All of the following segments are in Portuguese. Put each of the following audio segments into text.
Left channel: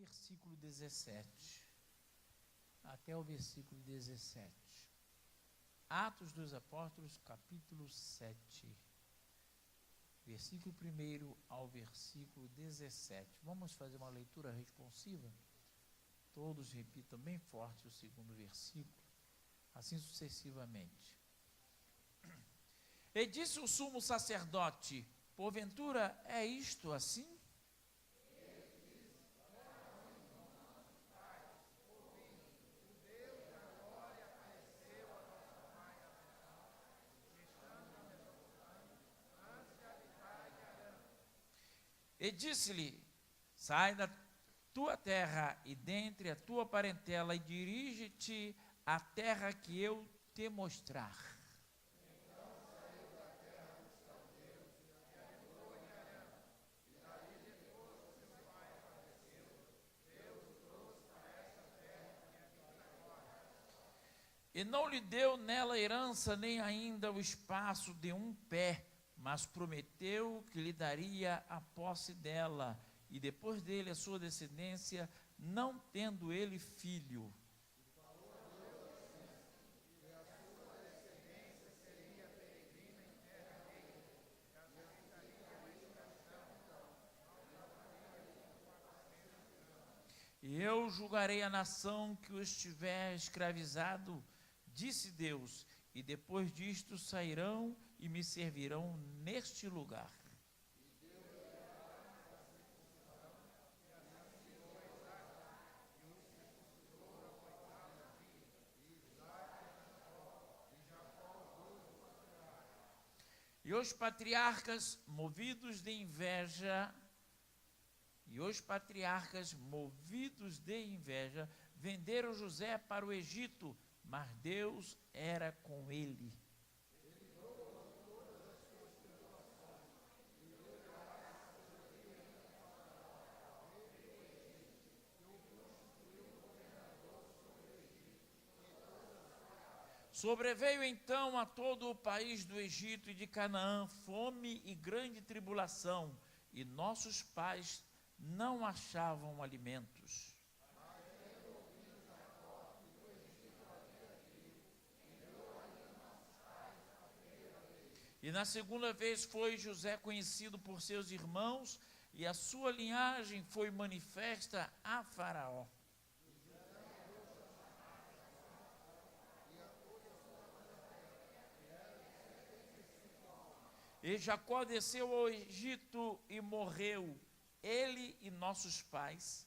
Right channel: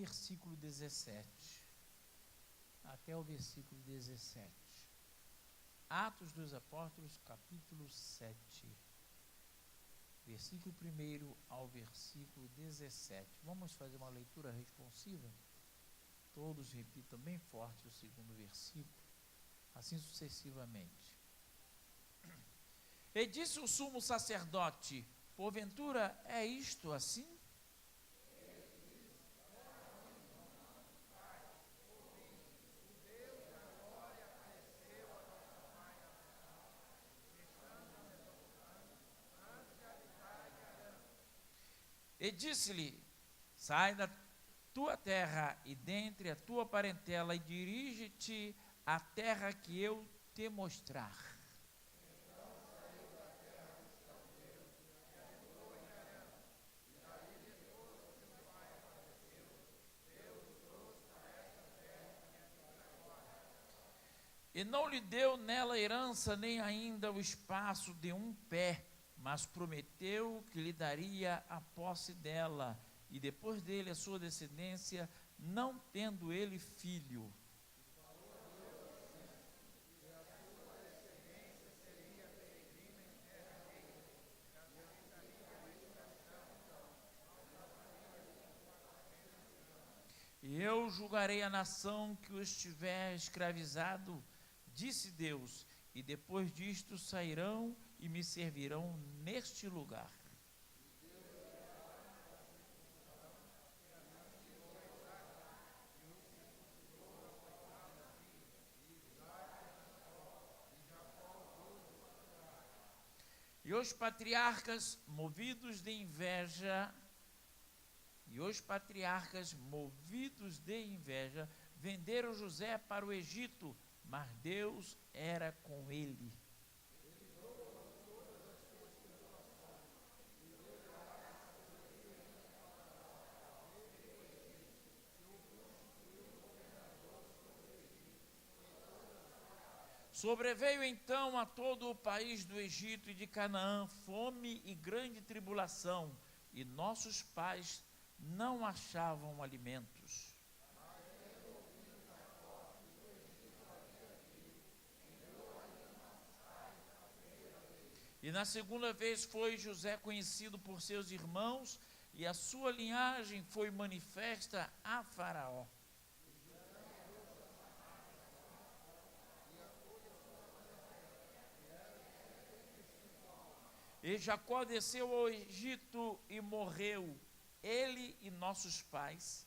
versículo 17. Até o versículo 17. Atos dos Apóstolos, capítulo 7. Versículo 1 ao versículo 17. Vamos fazer uma leitura responsiva? Todos repitam bem forte o segundo versículo, assim sucessivamente. E disse o sumo sacerdote: porventura é isto assim? E disse-lhe: sai da tua terra e dentre a tua parentela e dirige-te à terra que eu te mostrar. Então saiu da terra dos caldeus e habitou em Harã, e daí depois que seu pai faleceu, Deus o trouxe para esta terra que habita agora. E não lhe deu nela herança nem ainda o espaço de um pé, mas prometeu que lhe daria a posse dela, e depois dele a sua descendência, não tendo ele filho. E falou a Deus assim, que a sua descendência seria peregrina em terra dele, e habitaria uma estação, na família de 400 anos. E eu julgarei a nação que o estiver escravizado, disse Deus, e depois disto sairão e me servirão neste lugar. E os patriarcas, movidos de inveja, venderam José para o Egito, mas Deus era com ele. Sobreveio então a todo o país do Egito e de Canaã fome e grande tribulação, e nossos pais não achavam alimentos. E na segunda vez foi José conhecido por seus irmãos, e a sua linhagem foi manifesta a Faraó. E Jacó desceu ao Egito e morreu, ele e nossos pais.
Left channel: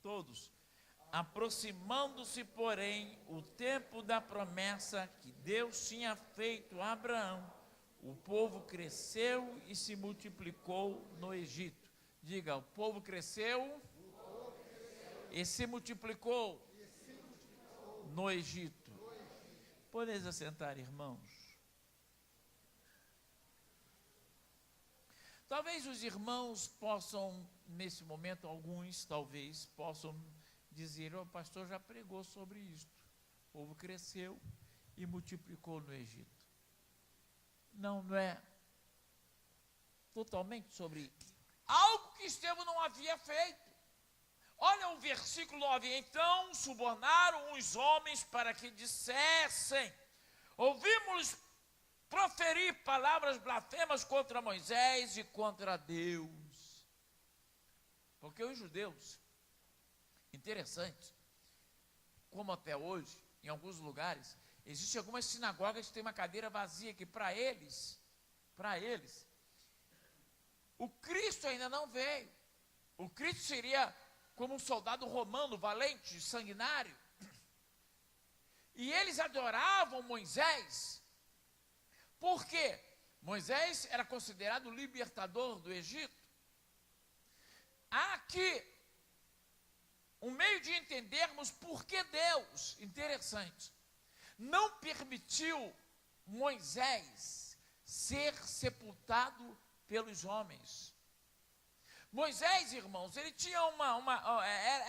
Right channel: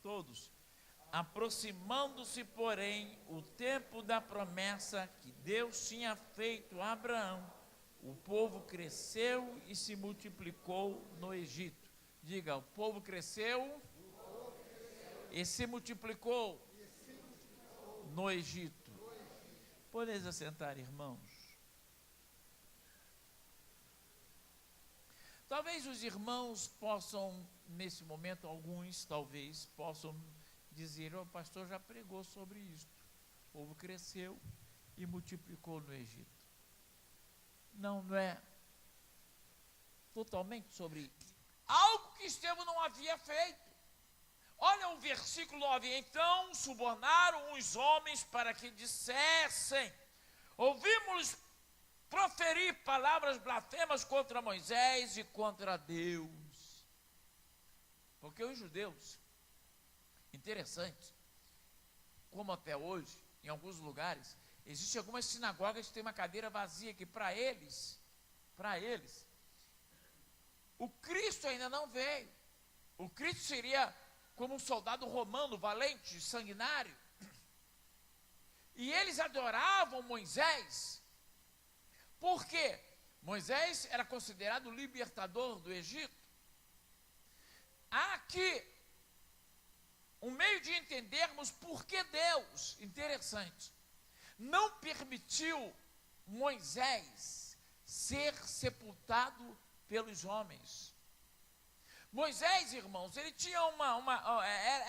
Todos. Aproximando-se, porém, o tempo da promessa que Deus tinha feito a Abraão, o povo cresceu e se multiplicou no Egito. Diga, o povo cresceu, e se multiplicou, no Egito. Podeis assentar, irmãos. Talvez os irmãos possam, nesse momento, alguns talvez possam dizer: o pastor já pregou sobre isto. O povo cresceu e multiplicou no Egito. Não é totalmente sobre algo que Estevão não havia feito. Olha o versículo 9. Então subornaram os homens para que dissessem: ouvimos proferir palavras blasfemas contra Moisés e contra Deus. Porque os judeus, interessante, como até hoje, em alguns lugares, existem algumas sinagogas que tem uma cadeira vazia, que para eles, o Cristo ainda não veio. O Cristo seria como um soldado romano, valente, sanguinário. E eles adoravam Moisés. Por quê? Moisés era considerado o libertador do Egito. Há aqui um meio de entendermos por que Deus, interessante, não permitiu Moisés ser sepultado pelos homens. Moisés, irmãos, ele tinha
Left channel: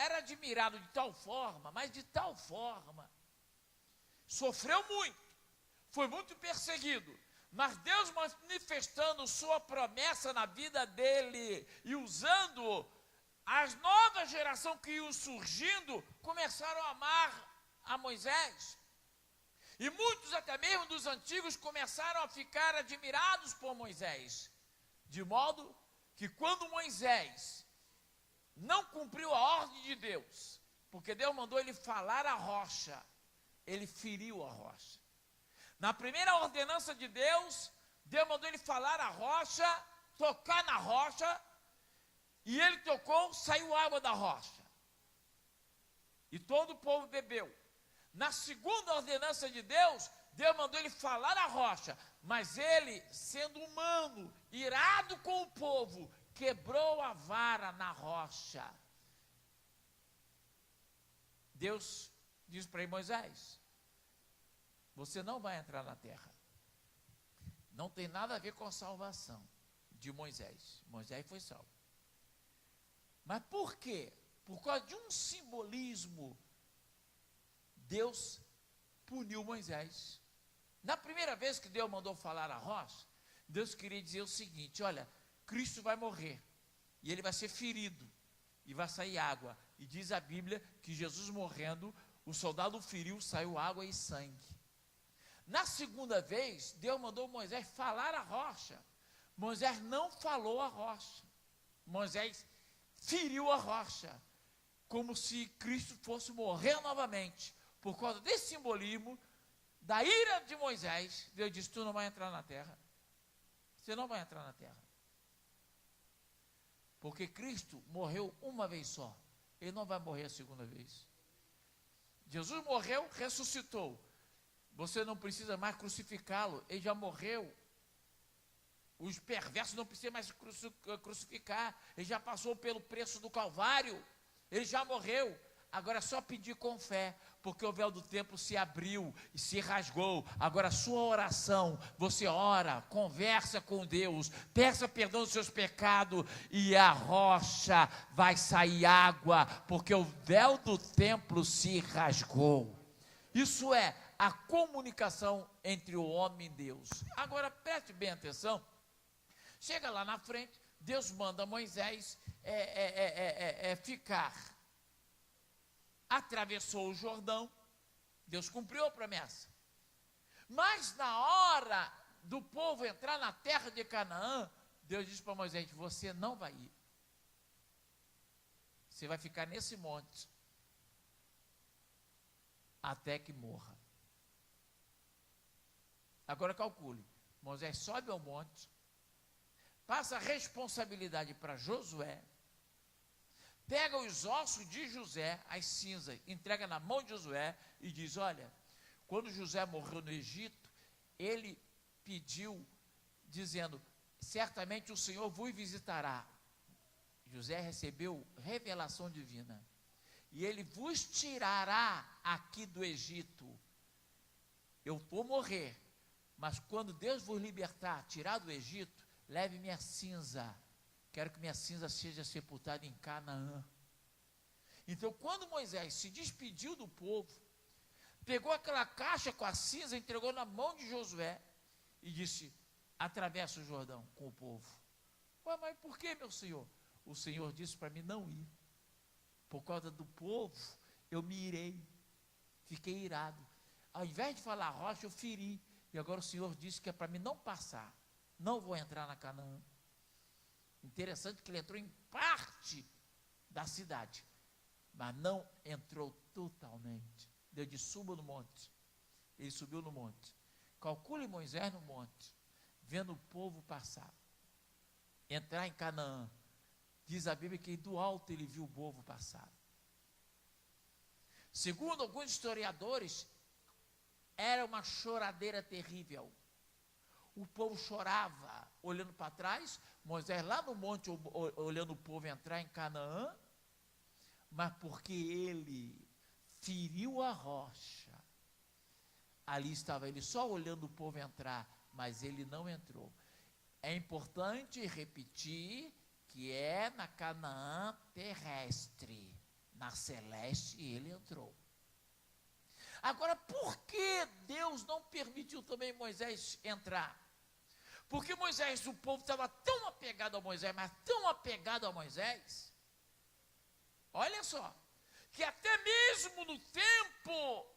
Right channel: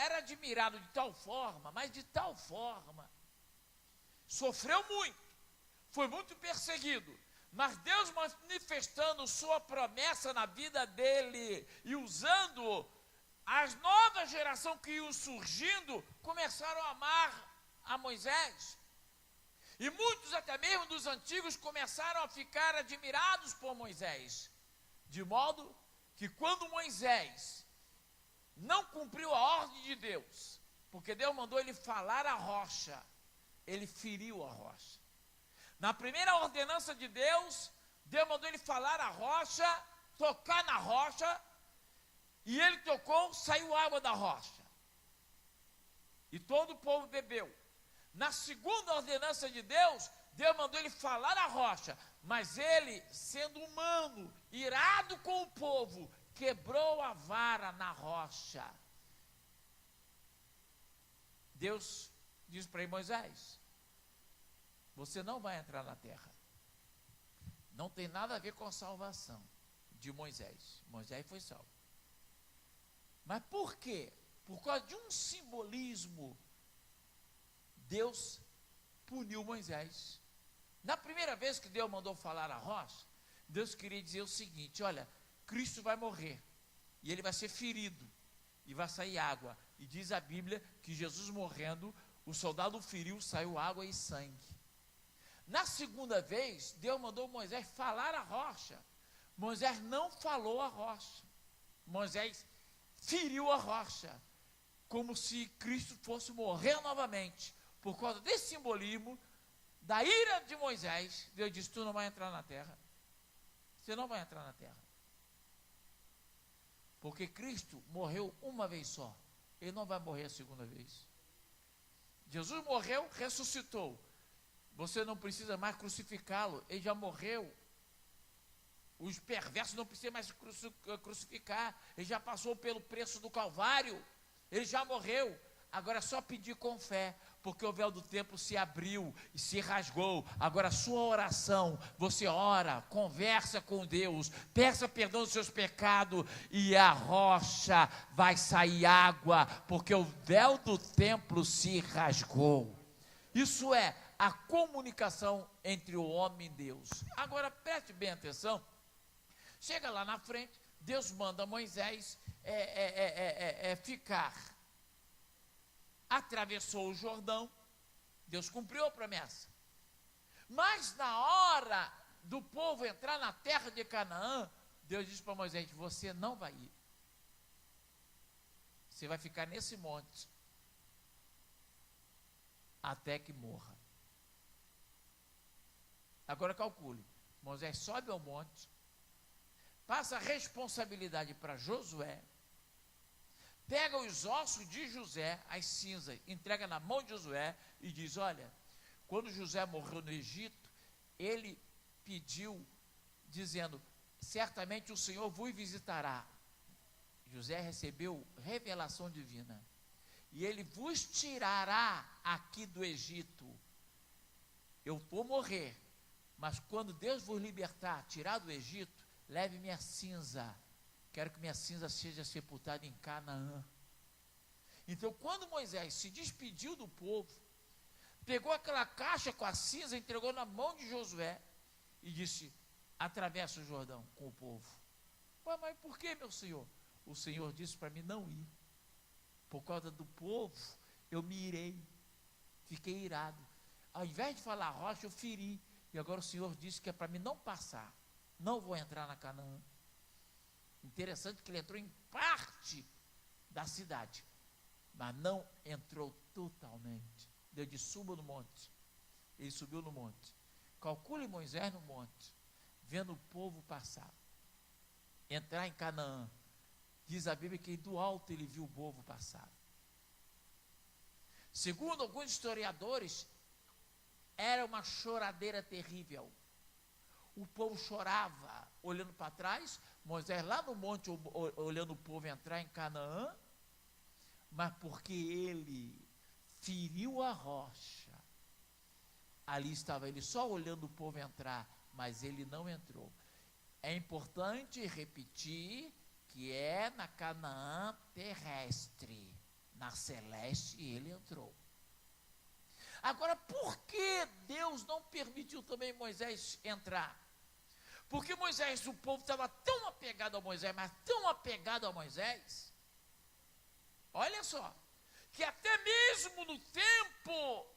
era admirado de tal forma, mas de tal forma, sofreu muito, foi muito perseguido, mas Deus manifestando sua promessa na vida dele e usando as novas gerações que iam surgindo, começaram a amar a Moisés. E muitos até mesmo dos antigos começaram a ficar admirados por Moisés, de modo que quando Moisés não cumpriu a ordem de Deus, porque Deus mandou ele falar a rocha, ele feriu a rocha. Na primeira ordenança de Deus, Deus mandou ele falar a rocha, tocar na rocha, e ele tocou, saiu água da rocha. E todo o povo bebeu. Na segunda ordenança de Deus, Deus mandou ele falar a rocha, mas ele, sendo humano, irado com o povo, quebrou a vara na rocha. Deus diz para Moisés: você não vai entrar na terra. Não tem nada a ver com a salvação de Moisés. Moisés foi salvo. Mas por quê? Por causa de um simbolismo, Deus puniu Moisés. Na primeira vez que Deus mandou falar a rocha, Deus queria dizer o seguinte: olha, Cristo vai morrer, e ele vai ser ferido, e vai sair água. E diz a Bíblia que Jesus morrendo, o soldado feriu, saiu água e sangue. Na segunda vez, Deus mandou Moisés falar a rocha. Moisés não falou a rocha. Moisés feriu a rocha, como se Cristo fosse morrer novamente. Por causa desse simbolismo, da ira de Moisés, Deus disse: tu não vai entrar na terra. Você não vai entrar na terra. Porque Cristo morreu uma vez só. Ele não vai morrer a segunda vez. Jesus morreu, ressuscitou. Você não precisa mais crucificá-lo. Ele já morreu. Os perversos não precisam mais crucificar. Ele já passou pelo preço do Calvário. Ele já morreu. Agora é só pedir com fé, porque o véu do templo se abriu e se rasgou. Agora a sua oração, você ora, conversa com Deus, peça perdão dos seus pecados, e a rocha vai sair água, porque o véu do templo se rasgou. Isso é a comunicação entre o homem e Deus. Agora preste bem atenção. Chega lá na frente, Deus manda Moisés ficar. Atravessou o Jordão, Deus cumpriu a promessa. Mas na hora do povo entrar na terra de Canaã, Deus disse para Moisés: você não vai ir. Você vai ficar nesse monte até que morra. Agora calcule, Moisés sobe ao monte, passa a responsabilidade para Josué, pega os ossos de José, as cinzas, entrega na mão de Josué e diz: olha, quando José morreu no Egito, ele pediu, dizendo: certamente o Senhor vos visitará. José recebeu revelação divina, e ele vos tirará aqui do Egito. Eu vou morrer, mas quando Deus vos libertar, tirar do Egito, leve minha cinza. Quero que minha cinza seja sepultada em Canaã. Então, quando Moisés se despediu do povo, pegou aquela caixa com a cinza, entregou na mão de Josué e disse: atravessa o Jordão com o povo. Ué, mas por que, meu senhor? O Senhor disse para mim não ir. Por causa do povo, eu me irei. Fiquei irado. Ao invés de falar rocha, eu feri. E agora o Senhor disse que é para mim não passar. Não vou entrar na Canaã. Interessante que ele entrou em parte da cidade, mas não entrou totalmente. Deus disse: suba no monte. Ele subiu no monte. Calcule Moisés no monte, vendo o povo passar, entrar em Canaã. Diz a Bíblia que do alto ele viu o povo passar. Segundo alguns historiadores, era uma choradeira terrível. O povo chorava, olhando para trás. Moisés lá no monte, olhando o povo entrar em Canaã, mas porque ele feriu a rocha, ali estava ele só olhando o povo entrar, mas ele não entrou. É importante repetir que é na Canaã terrestre. Na celeste ele entrou. Agora, por que Deus não permitiu também Moisés entrar? Porque Moisés, o povo estava tão apegado a Moisés, mas tão apegado a Moisés, olha só, que até mesmo no tempo,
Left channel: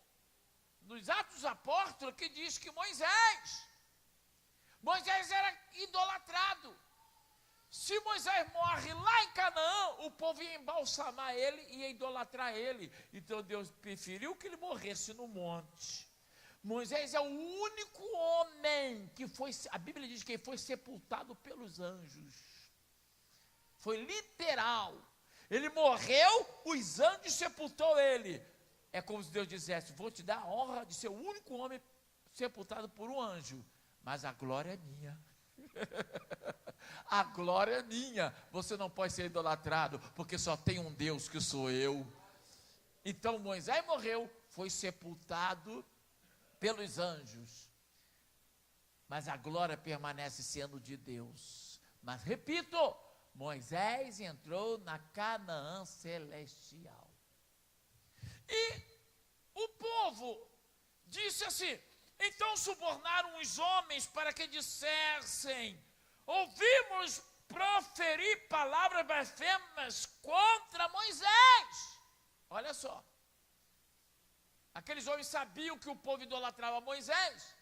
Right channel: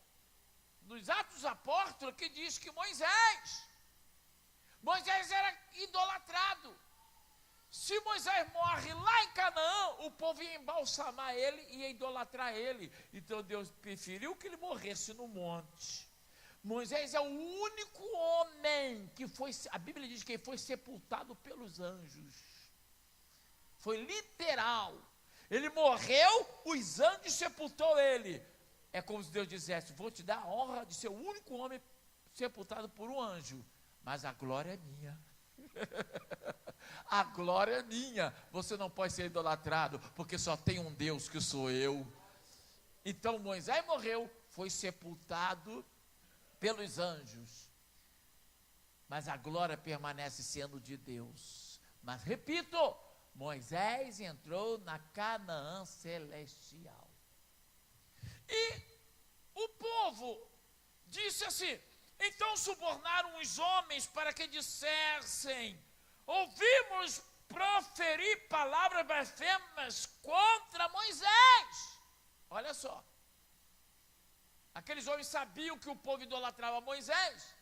nos Atos dos Apóstolos, que diz que Moisés era idolatrado. Se Moisés morre lá em Canaã, o povo ia embalsamar ele e ia idolatrar ele. Então Deus preferiu que ele morresse no monte. Moisés é o único homem que foi, a Bíblia diz que ele foi sepultado pelos anjos. Foi literal. Ele morreu, os anjos sepultou ele. É como se Deus dissesse: vou te dar a honra de ser o único homem sepultado por um anjo, mas a glória é minha. A glória é minha. Você não pode ser idolatrado, porque só tem um Deus, que sou eu. Então Moisés morreu, foi sepultado pelos anjos, mas a glória permanece sendo de Deus. Mas repito, Moisés entrou na Canaã celestial. E o povo disse assim: então subornaram os homens para que dissessem: ouvimos proferir palavras blasfemas contra Moisés. Olha só, aqueles homens sabiam que o povo idolatrava Moisés.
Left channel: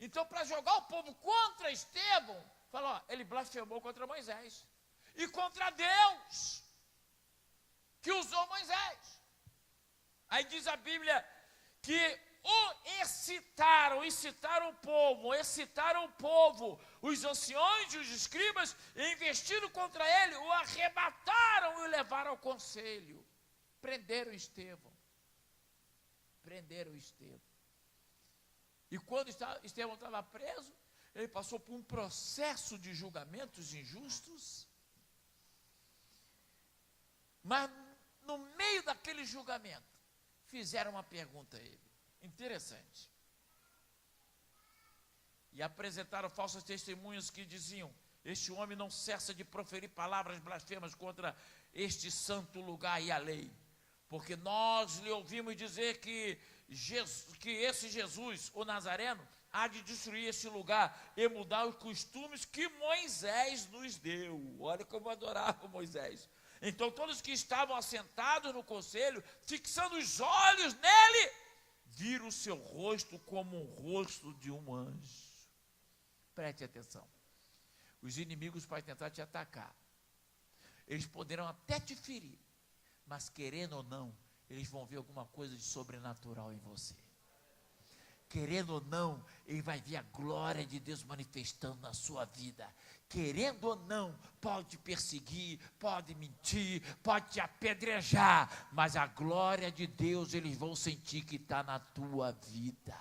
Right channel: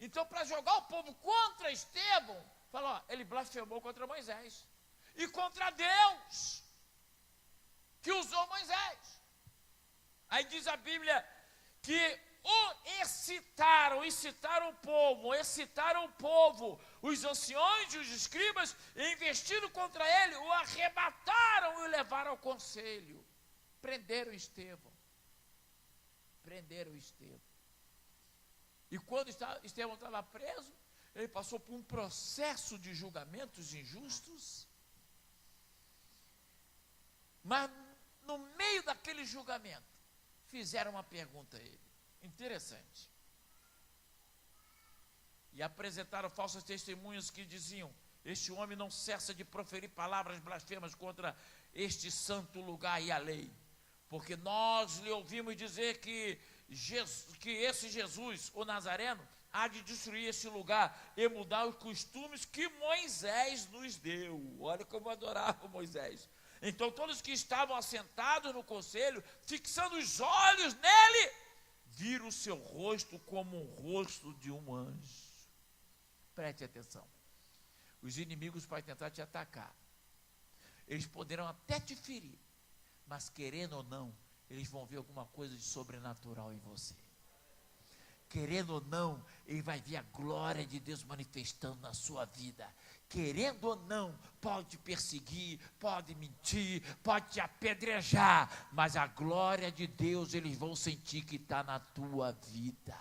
Então, para jogar o povo contra Estevão, falou: ó, ele blasfemou contra Moisés e contra Deus, que usou Moisés. Aí diz a Bíblia que excitaram o povo, os anciões e os escribas, e investindo contra ele, o arrebataram e o levaram ao conselho. Prenderam Estevão. E quando Estevão estava preso, ele passou por um processo de julgamentos injustos. Mas no meio daquele julgamento, fizeram uma pergunta a ele, interessante. E apresentaram falsas testemunhas que diziam: este homem não cessa de proferir palavras blasfemas contra este santo lugar e a lei. Porque nós lhe ouvimos dizer que esse Jesus, o Nazareno, há de destruir este lugar e mudar os costumes que Moisés nos deu. Olha como adorava Moisés. Então todos que estavam assentados no conselho, fixando os olhos nele, viram o seu rosto como o rosto de um anjo. Preste atenção. Os inimigos podem tentar te atacar. Eles poderão até te ferir, mas querendo ou não, eles vão ver alguma coisa de sobrenatural em você. Querendo ou não, ele vai ver a glória de Deus manifestando na sua vida. Querendo ou não, pode te perseguir, pode mentir, pode te apedrejar, mas a glória de Deus eles vão sentir que está na tua vida.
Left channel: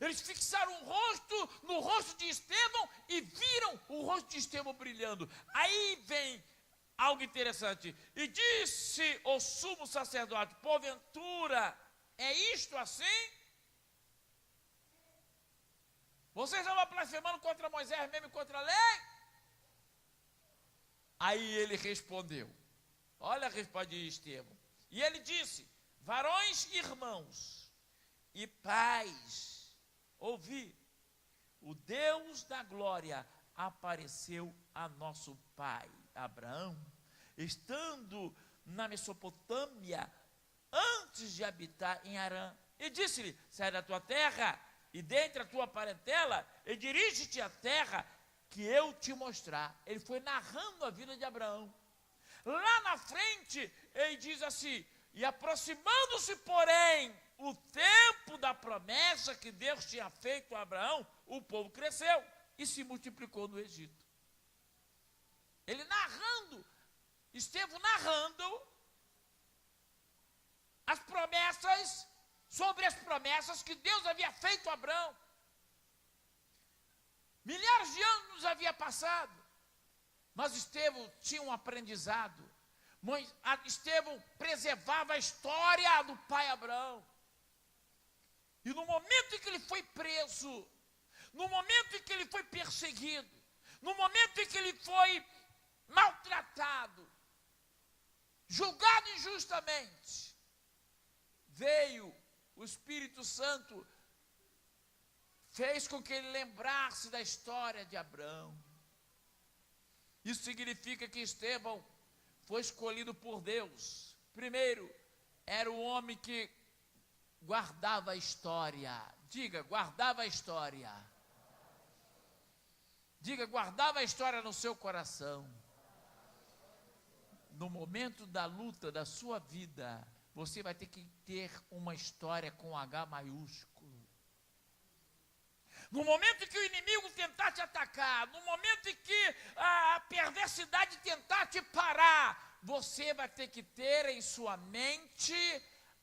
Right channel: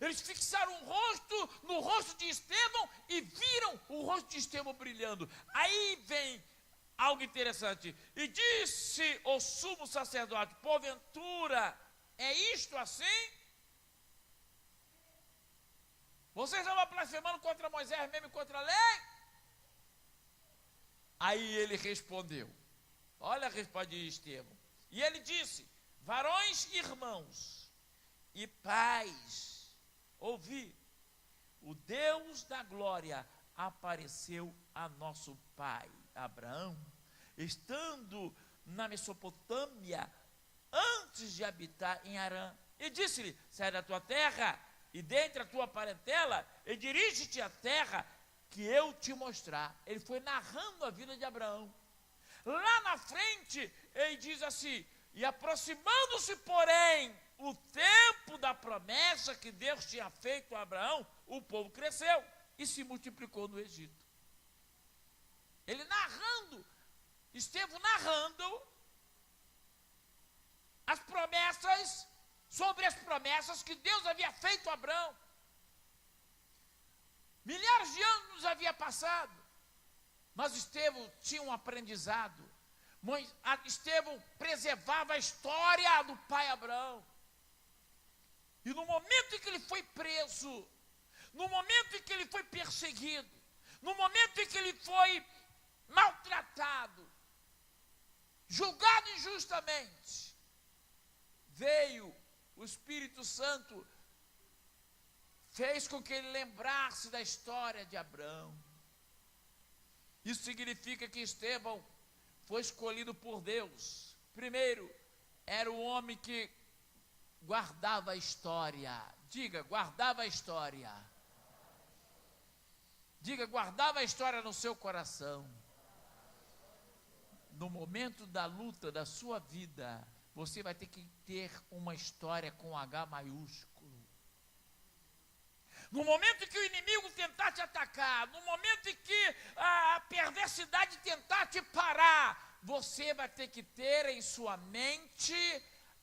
Eles fixaram o rosto no rosto de Estevão e viram o rosto de Estevão brilhando. Aí vem algo interessante. E disse o sumo sacerdote: porventura é isto assim? Vocês estavam blasfemando contra Moisés mesmo e contra a lei? Aí ele respondeu, olha a resposta de Estevão. E ele disse: varões e irmãos e pais, ouvi, o Deus da glória apareceu a nosso pai Abraão, estando na Mesopotâmia, antes de habitar em Harã, e disse-lhe: sai da tua terra e dentre a tua parentela, e dirige-te à terra que eu te mostrar. Ele foi narrando a vida de Abraão. Lá na frente, ele diz assim: e aproximando-se, porém, o tempo da promessa que Deus tinha feito a Abraão, o povo cresceu e se multiplicou no Egito. Ele narrando, Estevão narrando as promessas, sobre as promessas que Deus havia feito a Abraão. Milhares de anos havia passado, mas Estevão tinha um aprendizado. Estevão preservava a história do pai Abraão. E no momento em que ele foi preso, no momento em que ele foi perseguido, no momento em que ele foi maltratado, julgado injustamente, veio o Espírito Santo, fez com que ele lembrasse da história de Abraão. Isso significa que Estevão foi escolhido por Deus. Primeiro, era o homem que guardava a história. Diga, guardava a história. Diga, guardava a história no seu coração. No momento da luta da sua vida, você vai ter que ter uma história com H maiúsculo. No momento em que o inimigo tentar te atacar, no momento em que a perversidade tentar te parar, você vai ter que ter em sua mente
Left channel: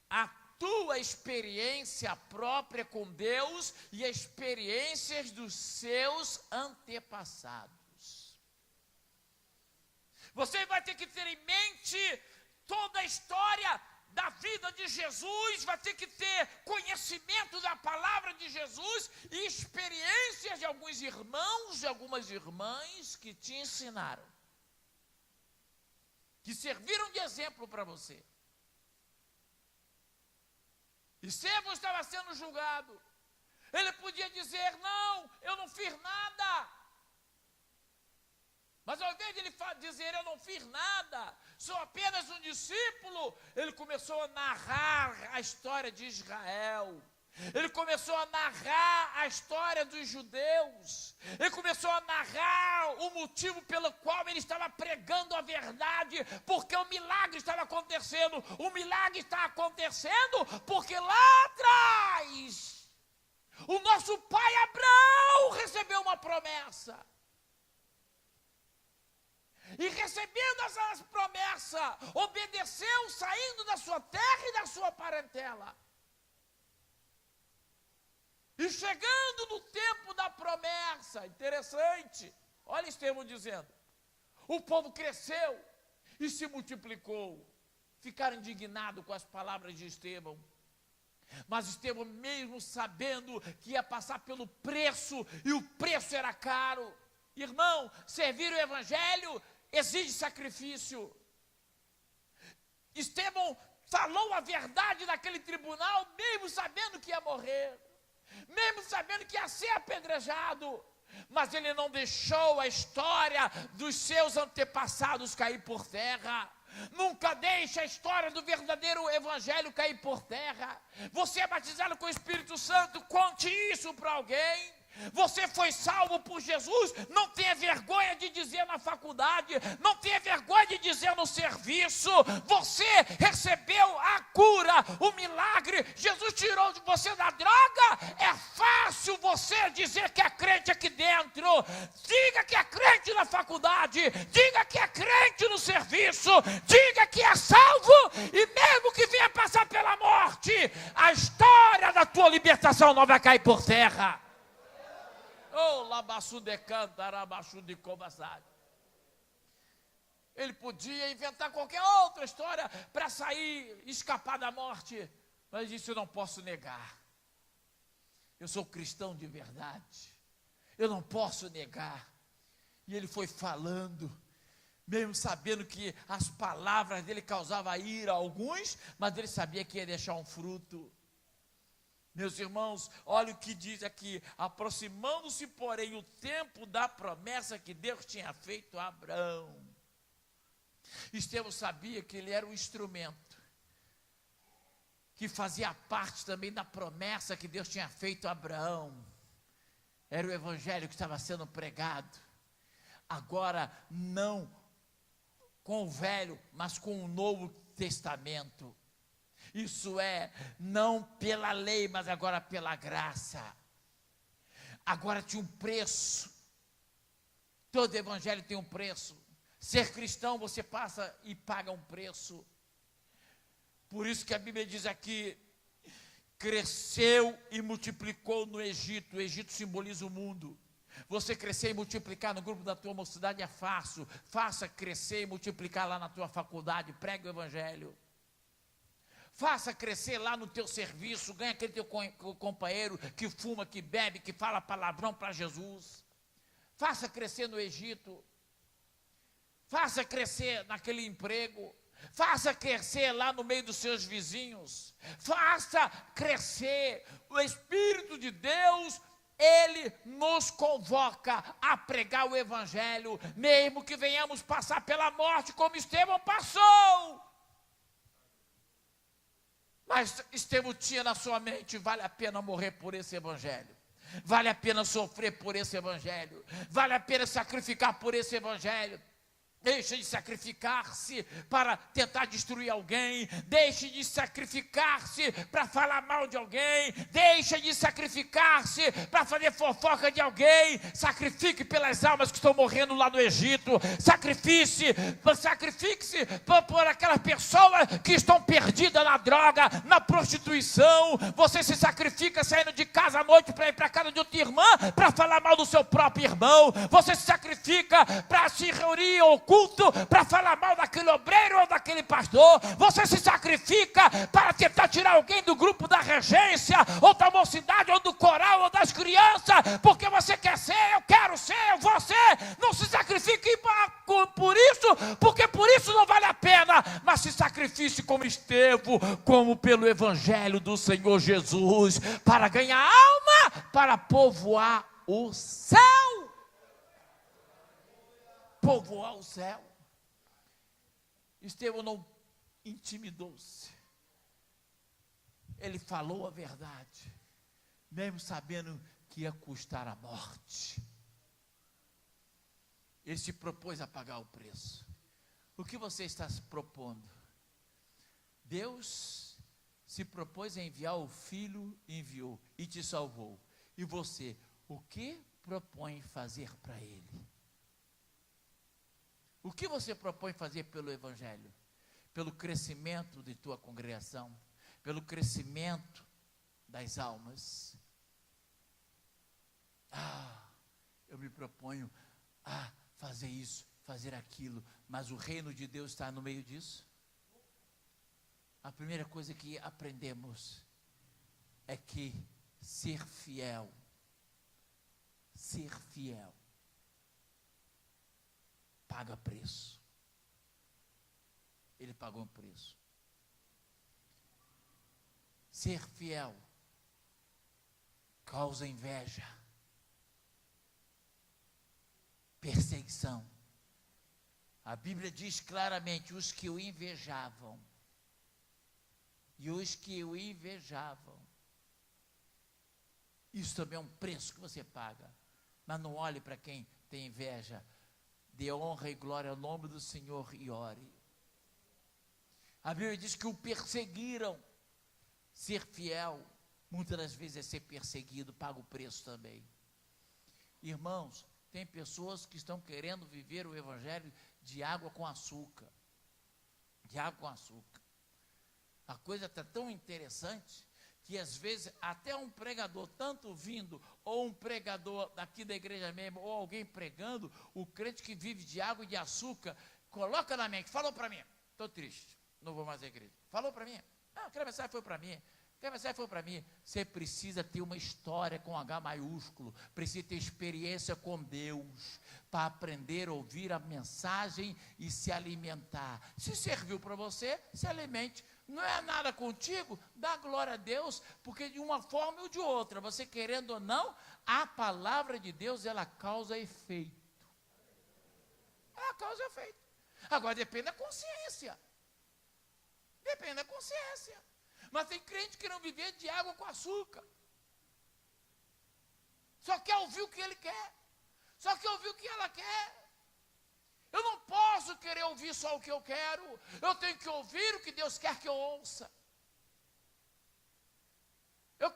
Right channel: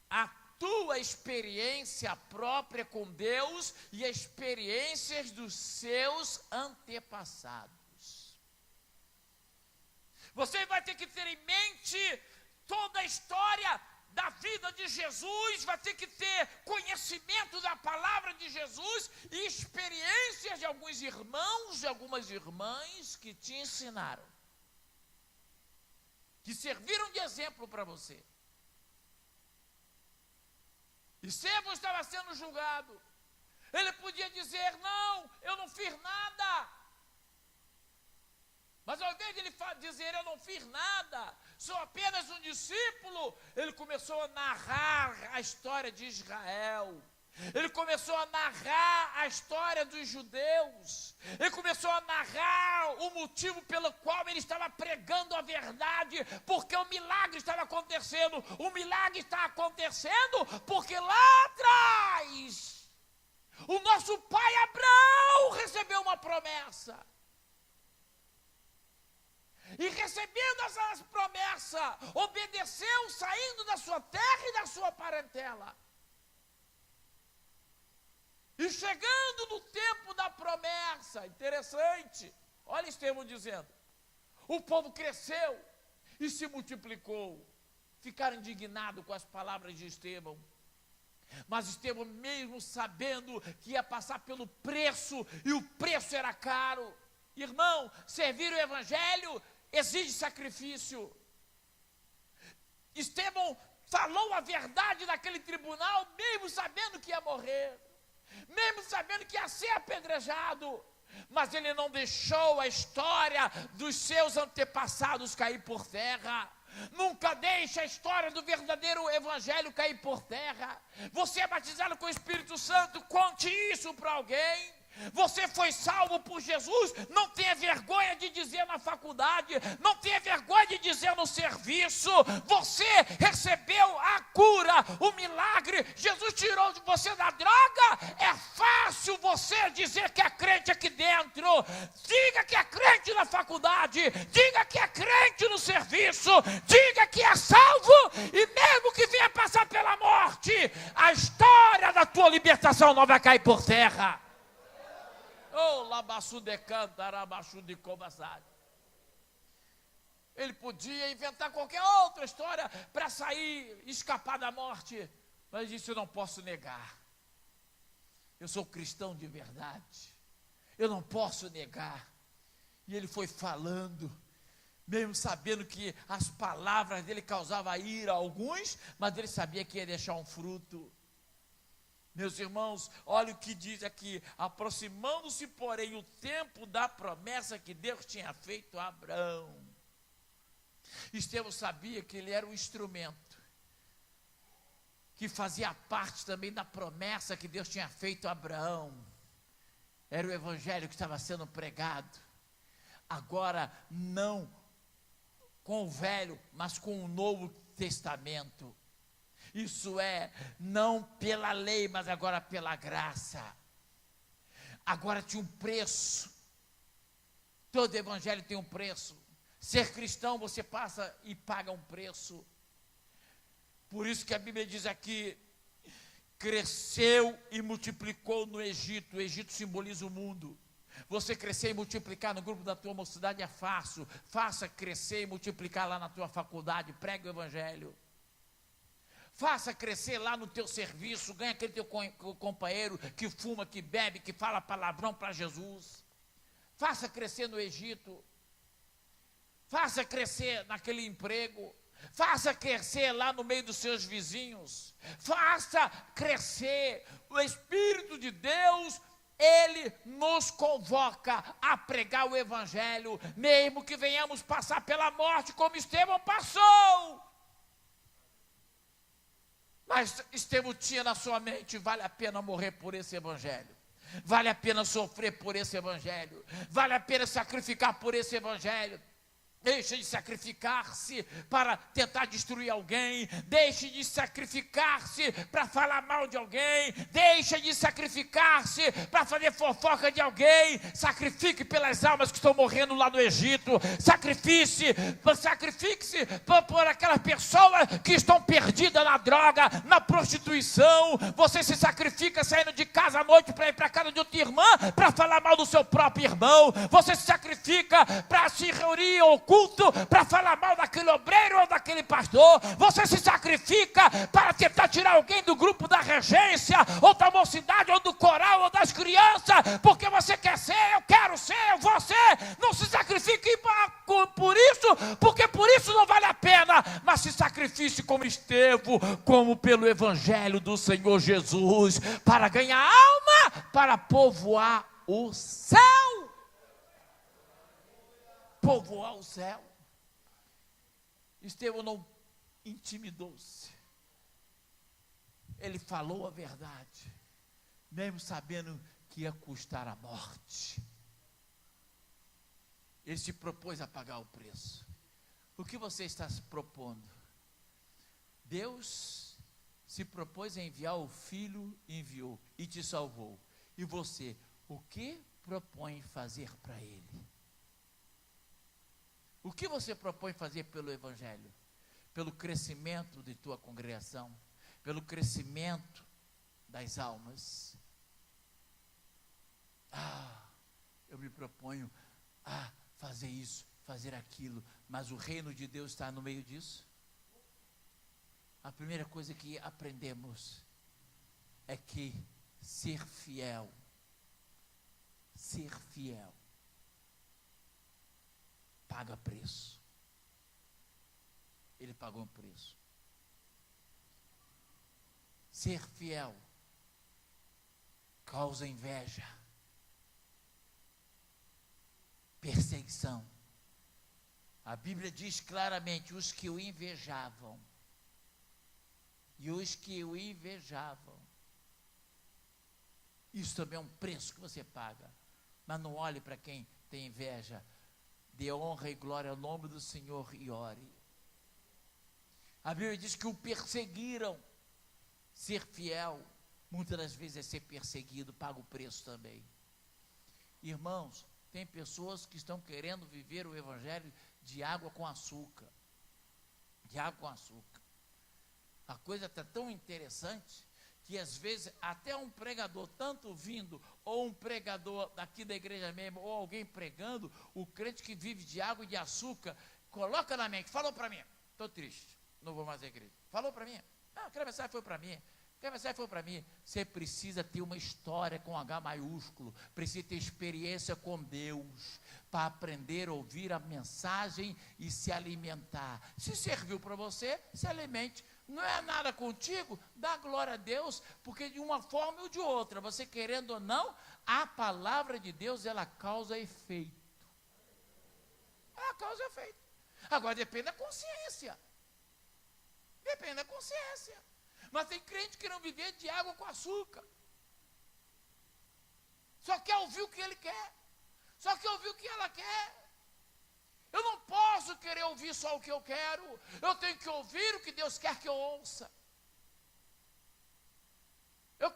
a tua experiência própria com Deus e as experiências dos seus antepassados. Você vai ter que ter em mente toda a história da vida de Jesus, vai ter que ter conhecimento da palavra de Jesus e experiências de alguns irmãos e algumas irmãs que te ensinaram, que serviram de exemplo para você. Estevão estava sendo julgado. Ele podia dizer, não, eu não fiz nada. Mas ao invés de ele dizer, eu não fiz nada, sou apenas um discípulo, ele começou a narrar a história de Israel. Ele começou a narrar a história dos judeus. Ele começou a narrar o motivo pelo qual ele estava pregando a verdade, porque o milagre estava acontecendo. O milagre está acontecendo porque lá atrás, o nosso pai Abraão recebeu uma promessa. E recebendo essa promessa, obedeceu, saindo da sua terra e da sua parentela. E chegando no tempo da promessa, interessante, olha Estevão dizendo, o povo cresceu e se multiplicou. Ficaram indignados com as palavras de Estevão. Mas Estevão, mesmo sabendo que ia passar pelo preço, e o preço era caro, irmão, servir o evangelho exige sacrifício. Estevão falou a verdade naquele tribunal, mesmo sabendo que ia morrer, mesmo sabendo que ia ser apedrejado, mas ele não deixou a história dos seus antepassados cair por terra. Nunca deixe a história do verdadeiro evangelho cair por terra. Você é batizado com o Espírito Santo, conte isso para alguém. Você foi salvo por Jesus, não tenha vergonha de dizer na faculdade, não tenha vergonha de dizer no serviço. Você recebeu a cura, o milagre. Jesus tirou de você da droga. É fácil você dizer que é crente aqui dentro. Diga que é crente na faculdade, diga que é crente no serviço, diga que é salvo, e mesmo que venha passar pela morte, a história da tua libertação não vai cair por terra. Ele podia inventar qualquer outra história para sair, escapar da morte, mas disse, eu não posso negar. Eu sou cristão de verdade. Eu não posso negar. E ele foi falando, mesmo sabendo que as palavras dele causavam ira a alguns, mas ele sabia que ia deixar um fruto. Meus irmãos, olha o que diz aqui, aproximando-se, porém, o tempo da promessa que Deus tinha feito a Abraão. Estevão sabia que ele era um instrumento, que fazia parte também da promessa que Deus tinha feito a Abraão. Era o evangelho que estava sendo pregado. Agora, não com o velho, mas com o novo testamento. Isso é, não pela lei, mas agora pela graça. Agora tinha um preço. Todo evangelho tem um preço. Ser cristão, você passa e paga um preço. Por isso que a Bíblia diz aqui, cresceu e multiplicou no Egito. O Egito simboliza o mundo. Você crescer e multiplicar no grupo da tua mocidade é fácil. Faça crescer e multiplicar lá na tua faculdade. Pregue o evangelho. Faça crescer lá no teu serviço, ganha aquele teu companheiro que fuma, que bebe, que fala palavrão para Jesus. Faça crescer no Egito. faça crescer naquele emprego, faça crescer lá no meio dos seus vizinhos, faça crescer. O Espírito de Deus, Ele nos convoca a pregar o Evangelho, mesmo que venhamos passar pela morte como Estevão passou. Mas Estevão tinha na sua mente: vale a pena morrer por esse Evangelho, vale a pena sofrer por esse Evangelho, vale a pena sacrificar por esse Evangelho. Deixe de sacrificar-se para tentar destruir alguém. Deixe de sacrificar-se para falar mal de alguém. Deixe de sacrificar-se para fazer fofoca de alguém. Sacrifique pelas almas que estão morrendo lá no Egito. Sacrifique-se por aquelas pessoas que estão perdidas na droga, na prostituição. Você se sacrifica saindo de casa à noite para ir para a casa de outra irmã para falar mal do seu próprio irmão. Você se sacrifica para se reunir ao culto, para falar mal daquele obreiro ou daquele pastor. Você se sacrifica para tentar tirar alguém do grupo da regência, ou da mocidade, ou do coral, ou das crianças, porque você quer ser, eu quero ser, eu vou ser. Não se sacrifique por isso, porque por isso não vale a pena, mas se sacrifique como Estevão, como pelo Evangelho do Senhor Jesus, para ganhar alma, para povoar o céu. Povoar o céu. Estevão não intimidou-se. Ele falou a verdade, mesmo sabendo que ia custar a morte. Ele se propôs a pagar o preço. O que você está se propondo? Deus se propôs a enviar o Filho, enviou e te salvou. E você, o que propõe fazer para Ele? O que você propõe fazer pelo Evangelho? Pelo crescimento de tua congregação? Pelo crescimento das almas? Eu me proponho a fazer isso, fazer aquilo, mas o reino de Deus está no meio disso? A primeira coisa que aprendemos é que ser fiel, paga preço. Ele pagou um preço. Ser fiel causa inveja, perseguição. A Bíblia diz claramente: os que o invejavam, isso também é um preço que você paga. Mas não olhe para quem tem inveja. Dê honra e glória ao nome do Senhor e ore. A Bíblia diz que o perseguiram. Ser fiel, muitas das vezes, é ser perseguido, paga o preço também. Irmãos, tem pessoas que estão querendo viver o Evangelho de água com açúcar. A coisa está tão interessante que às vezes até um pregador, tanto vindo, ou um pregador daqui da igreja mesmo, ou alguém pregando, o crente que vive de água e de açúcar, coloca na mente: falou para mim, estou triste, não vou mais à igreja. Falou para mim, aquela mensagem foi para mim. Você precisa ter uma história com H maiúsculo, precisa ter experiência com Deus, para aprender a ouvir a mensagem e se alimentar. Se serviu para você, se alimente. Não é nada contigo, dá glória a Deus, porque de uma forma ou de outra, você querendo ou não, a palavra de Deus, ela causa efeito. Ela causa efeito. Agora depende da consciência. Mas tem crente que não vive de água com açúcar. Só quer ouvir o que ele quer. Só quer ouvir o que ela quer. Eu não posso querer ouvir só o que eu quero. Eu tenho que ouvir o que Deus quer que eu ouça. Eu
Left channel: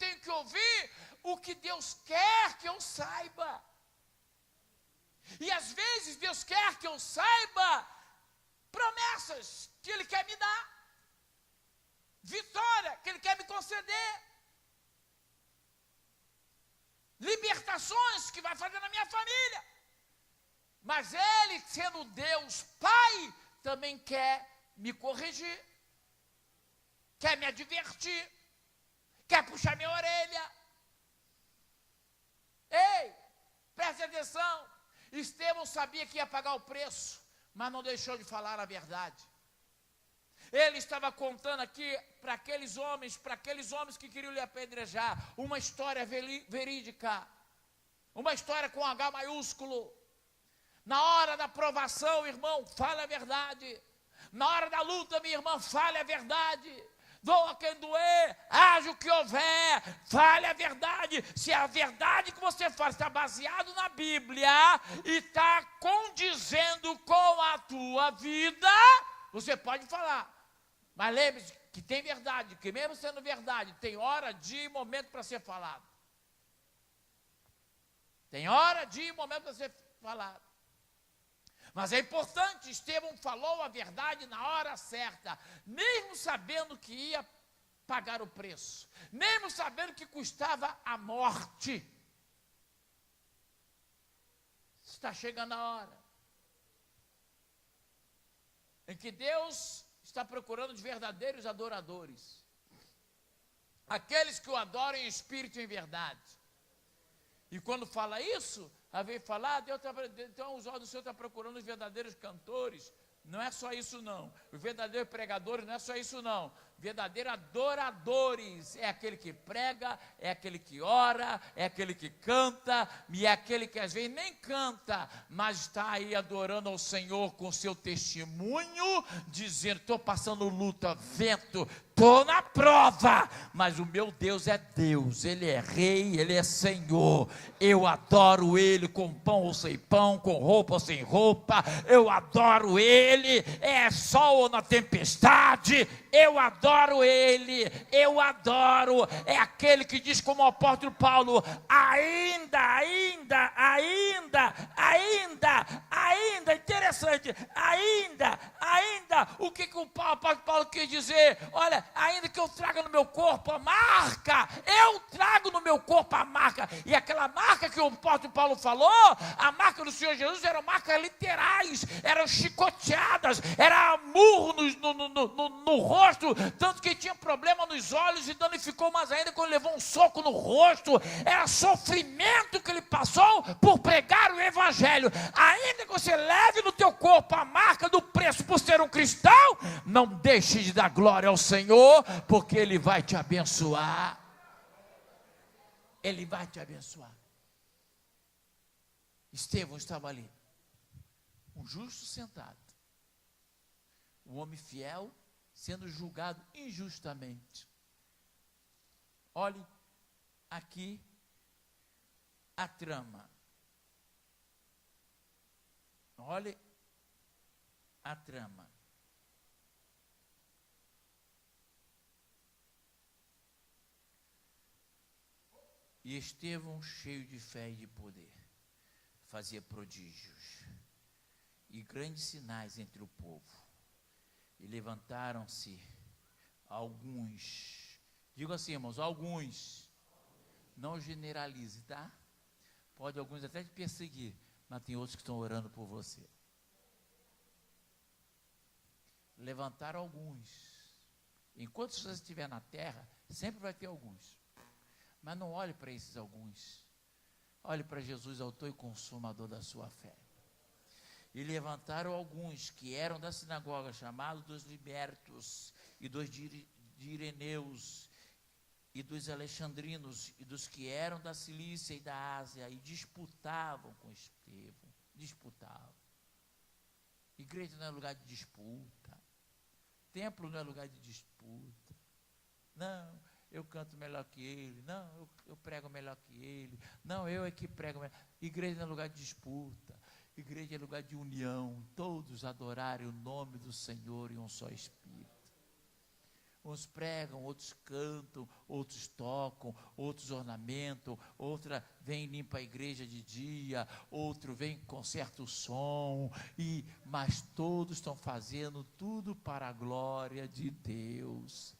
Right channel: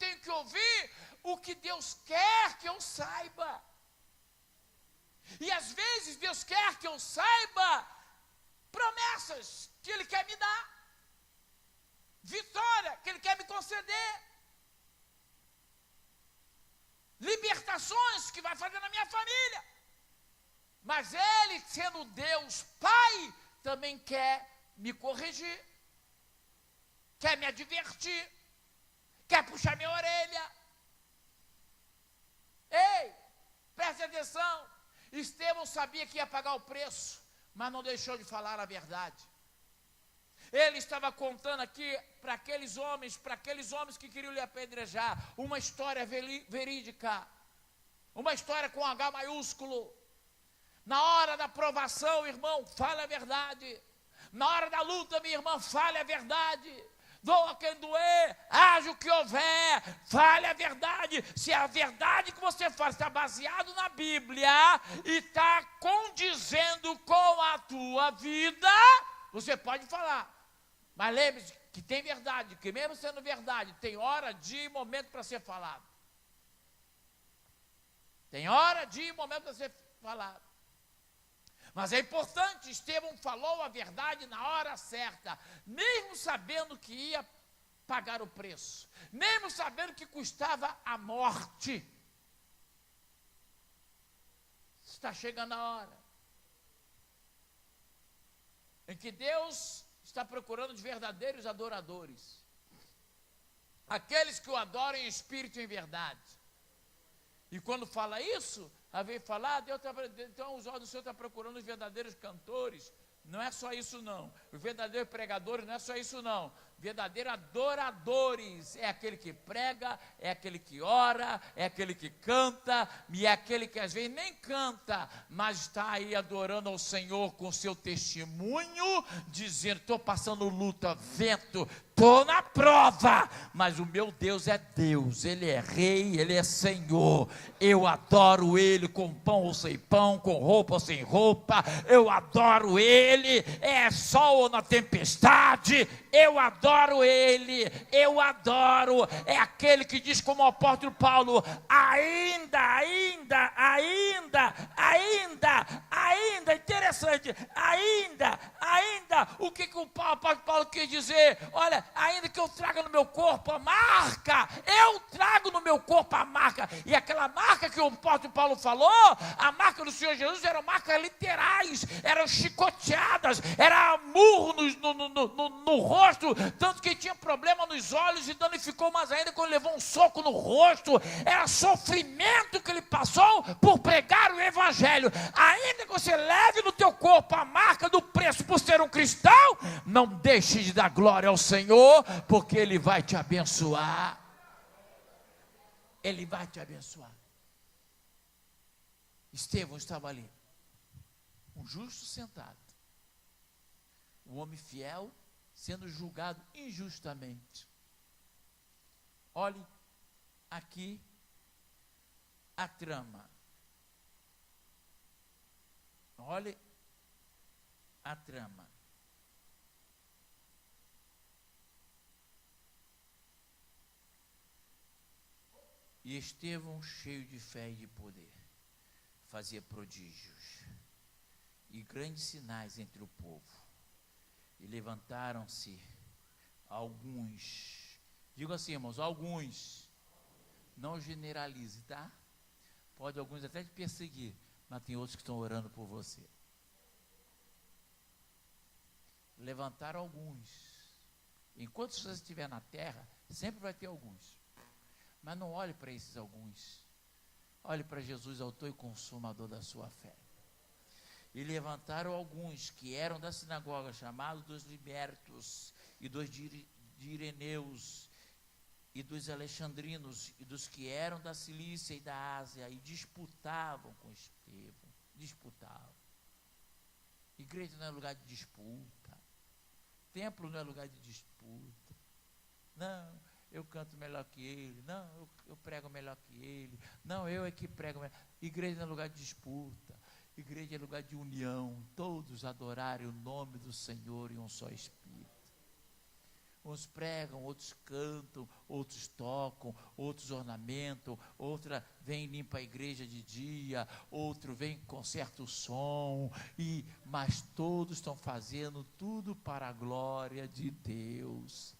tenho que ouvir o que Deus quer que eu saiba. E às vezes Deus quer que eu saiba promessas que Ele quer me dar, vitória que Ele quer me conceder, libertações que vai fazer na minha família. Mas Ele, sendo Deus Pai, também quer me corrigir, quer me advertir, quer puxar minha orelha. Ei, preste atenção. Estevão sabia que ia pagar o preço, mas não deixou de falar a verdade. Ele estava contando aqui para aqueles homens que queriam lhe apedrejar, uma história verídica, uma história com H maiúsculo. Na hora da provação, irmão, fale a verdade. Na hora da luta, minha irmã, fale a verdade. Doa quem doer, haja o que houver, fale a verdade. Se a verdade que você faz está baseado na Bíblia e está condizendo com a tua vida, você pode falar. Mas lembre-se que tem verdade, que mesmo sendo verdade, tem hora, dia e momento para ser falado. Tem hora, dia e momento para ser falado. Mas é importante, Estevão falou a verdade na hora certa, mesmo sabendo que ia pagar o preço, mesmo sabendo que custava a morte. Está chegando a hora em que Deus está procurando os verdadeiros adoradores, aqueles que o adoram em espírito e em verdade. E quando fala isso, vem falar, então os olhos do Senhor estão procurando os verdadeiros cantores. Não é só isso não, os verdadeiros pregadores não é só isso não, verdadeiros adoradores, é aquele que prega, é aquele que ora, é aquele que canta, e é aquele que às vezes nem canta, mas está aí adorando ao Senhor com seu testemunho, dizendo, estou passando luta, vento, estou na prova, mas o meu Deus é Deus, Ele é Rei, Ele é Senhor, eu adoro Ele com pão ou sem pão, com roupa ou sem roupa, eu adoro Ele, é sol ou na tempestade, eu adoro Ele, eu adoro, é aquele que diz como o apóstolo Paulo, interessante, o que o apóstolo Paulo quis dizer? Olha, ainda que eu traga no meu corpo a marca, eu trago no meu corpo a marca, e aquela marca que o apóstolo Paulo falou, a marca do Senhor Jesus eram marcas literais, eram chicoteadas, era murro no rosto, tanto que tinha problema nos olhos e danificou mais ainda quando levou um soco no rosto, era sofrimento que ele passou por pregar o evangelho. Ainda que você leve no teu corpo a marca do preço por ser um cristão, não deixe de dar glória ao Senhor, porque Ele vai te abençoar. Ele vai te abençoar. Estevão estava ali, um justo sentado, um homem fiel sendo julgado injustamente. Olhe aqui a trama. Olhe a trama. E Estevão, cheio de fé e de poder, fazia prodígios e grandes sinais entre o povo. E levantaram-se alguns, digo assim, irmãos, alguns, não generalize, tá? Pode alguns até te perseguir, mas tem outros que estão orando por você. Levantaram alguns. Enquanto você estiver na terra, sempre vai ter alguns. Mas não olhe para esses alguns. Olhe para Jesus, autor e consumador da sua fé. E levantaram alguns que eram da sinagoga, chamados dos libertos, e dos de Ireneus, e dos alexandrinos, e dos que eram da Cilícia e da Ásia, e disputavam com Estevão. Disputavam. Igreja não é lugar de disputa. Templo não é lugar de disputa. Não, eu canto melhor que ele. Não, eu prego melhor que ele. Não, eu é que prego melhor. Igreja não é lugar de disputa. Igreja é lugar de união. Todos adorarem o nome do Senhor em um só Espírito. Uns pregam, outros cantam, outros tocam, outros ornamentam, outra vem e limpa a igreja de dia, outro vem e conserta o som, mas todos estão fazendo tudo para a glória de Deus.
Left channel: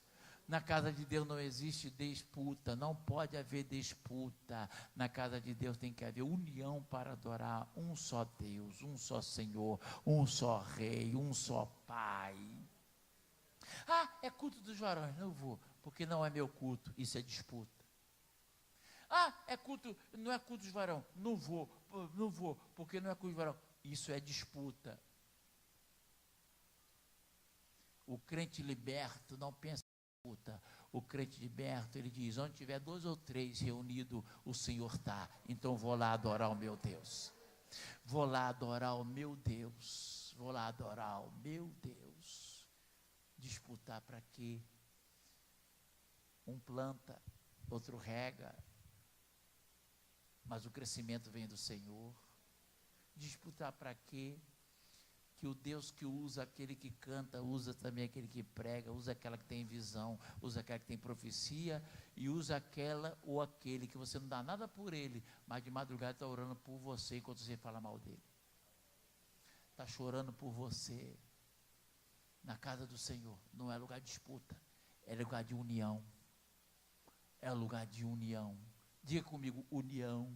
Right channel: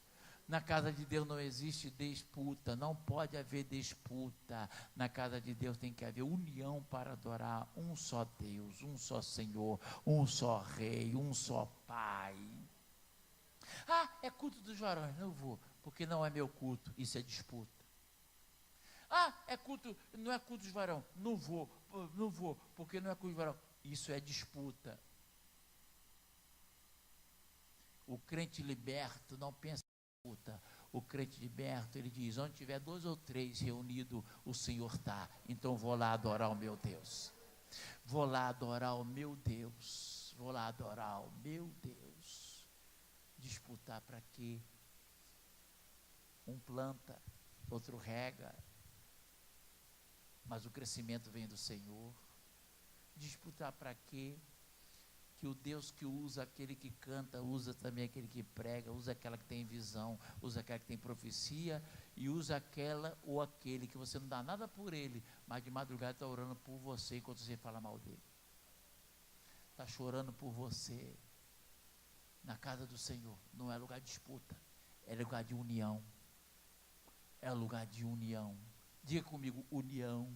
Na casa de Deus não existe disputa, não pode haver disputa. Na casa de Deus tem que haver união para adorar um só Deus, um só Senhor, um só Rei, um só Pai. É culto dos varões, não vou, porque não é meu culto, isso é disputa. não é culto de varão. Não vou, porque não é culto de varão. Isso é disputa. O crente liberto não pensa em disputa. O crente liberto, ele diz, onde tiver 2 ou 3 reunidos, o Senhor está. Então vou lá adorar o meu Deus. Vou lá adorar o meu Deus. Vou lá adorar o meu Deus. Disputar para quê? Um planta, outro rega, mas o crescimento vem do Senhor. Disputar para quê? Que o Deus que usa aquele que canta, usa também aquele que prega, usa aquela que tem visão, usa aquela que tem profecia, e usa aquela ou aquele que você não dá nada por ele, mas de madrugada está orando por você enquanto você fala mal dele. Está chorando por você. Na casa do Senhor não é lugar de disputa, é lugar de união. É lugar de união. Diga comigo, união.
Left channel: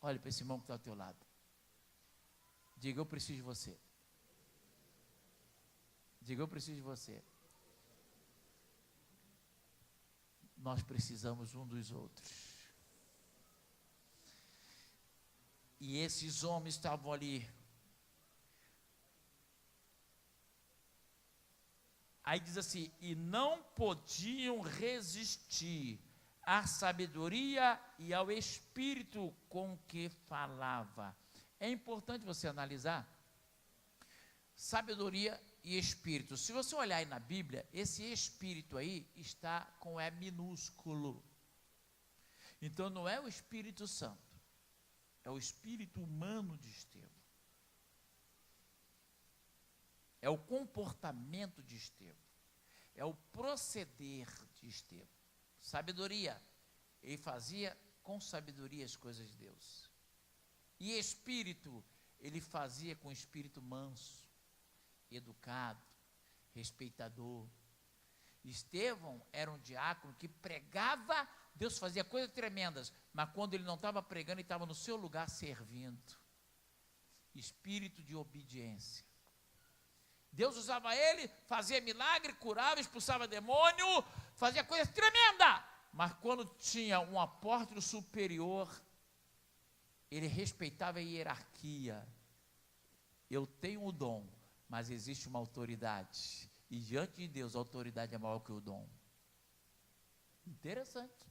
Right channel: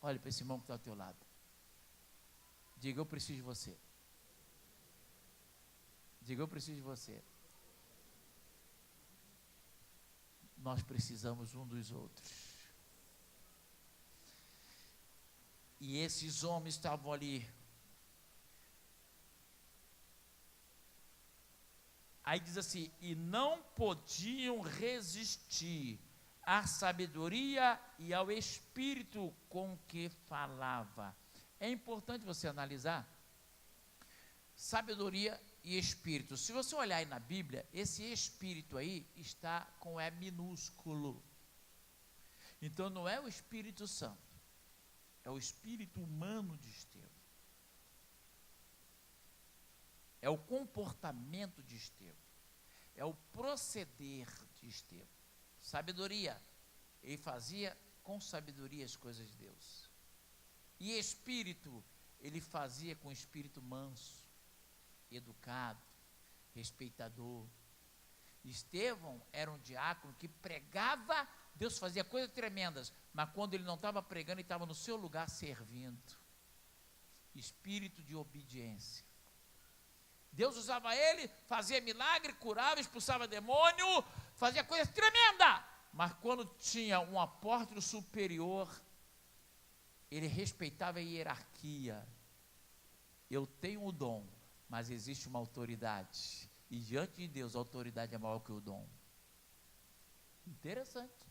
Olha para esse irmão que está ao teu lado. Diga, eu preciso de você. Diga, eu preciso de você. Nós precisamos um dos outros. E esses homens estavam ali. Aí diz assim, e não podiam resistir à sabedoria e ao espírito com que falava. É importante você analisar sabedoria e espírito. Se você olhar aí na Bíblia, esse espírito aí está com E minúsculo. Então não é o Espírito Santo, é o espírito humano de Estevão. É o comportamento de Estevão, é o proceder de Estevão. Sabedoria, ele fazia com sabedoria as coisas de Deus. E espírito, ele fazia com espírito manso, educado, respeitador. Estevão era um diácono que pregava, Deus fazia coisas tremendas, mas quando ele não estava pregando, ele estava no seu lugar servindo. Espírito de obediência. Deus usava ele, fazia milagre, curava, expulsava demônio, fazia coisas tremendas. Mas quando tinha um apóstolo superior, ele respeitava a hierarquia. Eu tenho o dom, mas existe uma autoridade. E diante de Deus, a autoridade é maior que o dom. Interessante.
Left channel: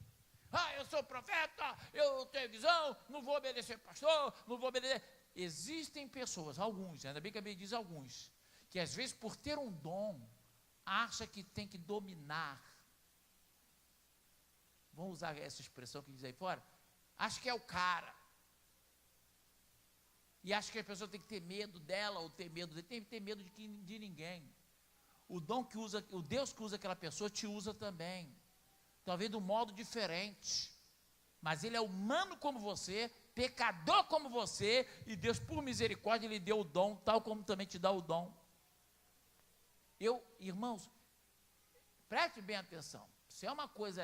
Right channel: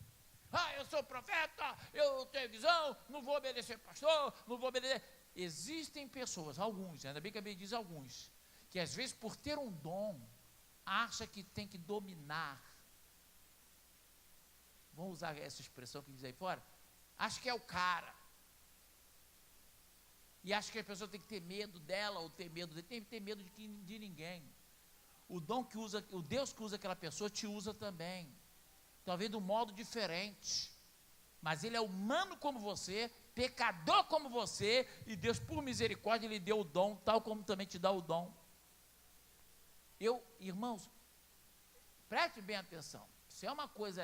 Eu sou profeta, eu tenho visão, não vou obedecer pastor, não vou obedecer. Existem pessoas, alguns, ainda bem que a Bíblia diz alguns, que às vezes por ter um dom, acha que tem que dominar. Vamos usar essa expressão que diz aí fora? Acha que é o cara. E acha que a pessoa tem que ter medo dela, ou ter medo dele, tem que ter medo de ninguém. O dom que usa, o Deus que usa aquela pessoa, te usa também. Talvez de um modo diferente. Mas ele é humano como você, pecador como você, e Deus, por misericórdia, lhe deu o dom, tal como também te dá o dom. Irmãos, preste bem atenção. Se é uma coisa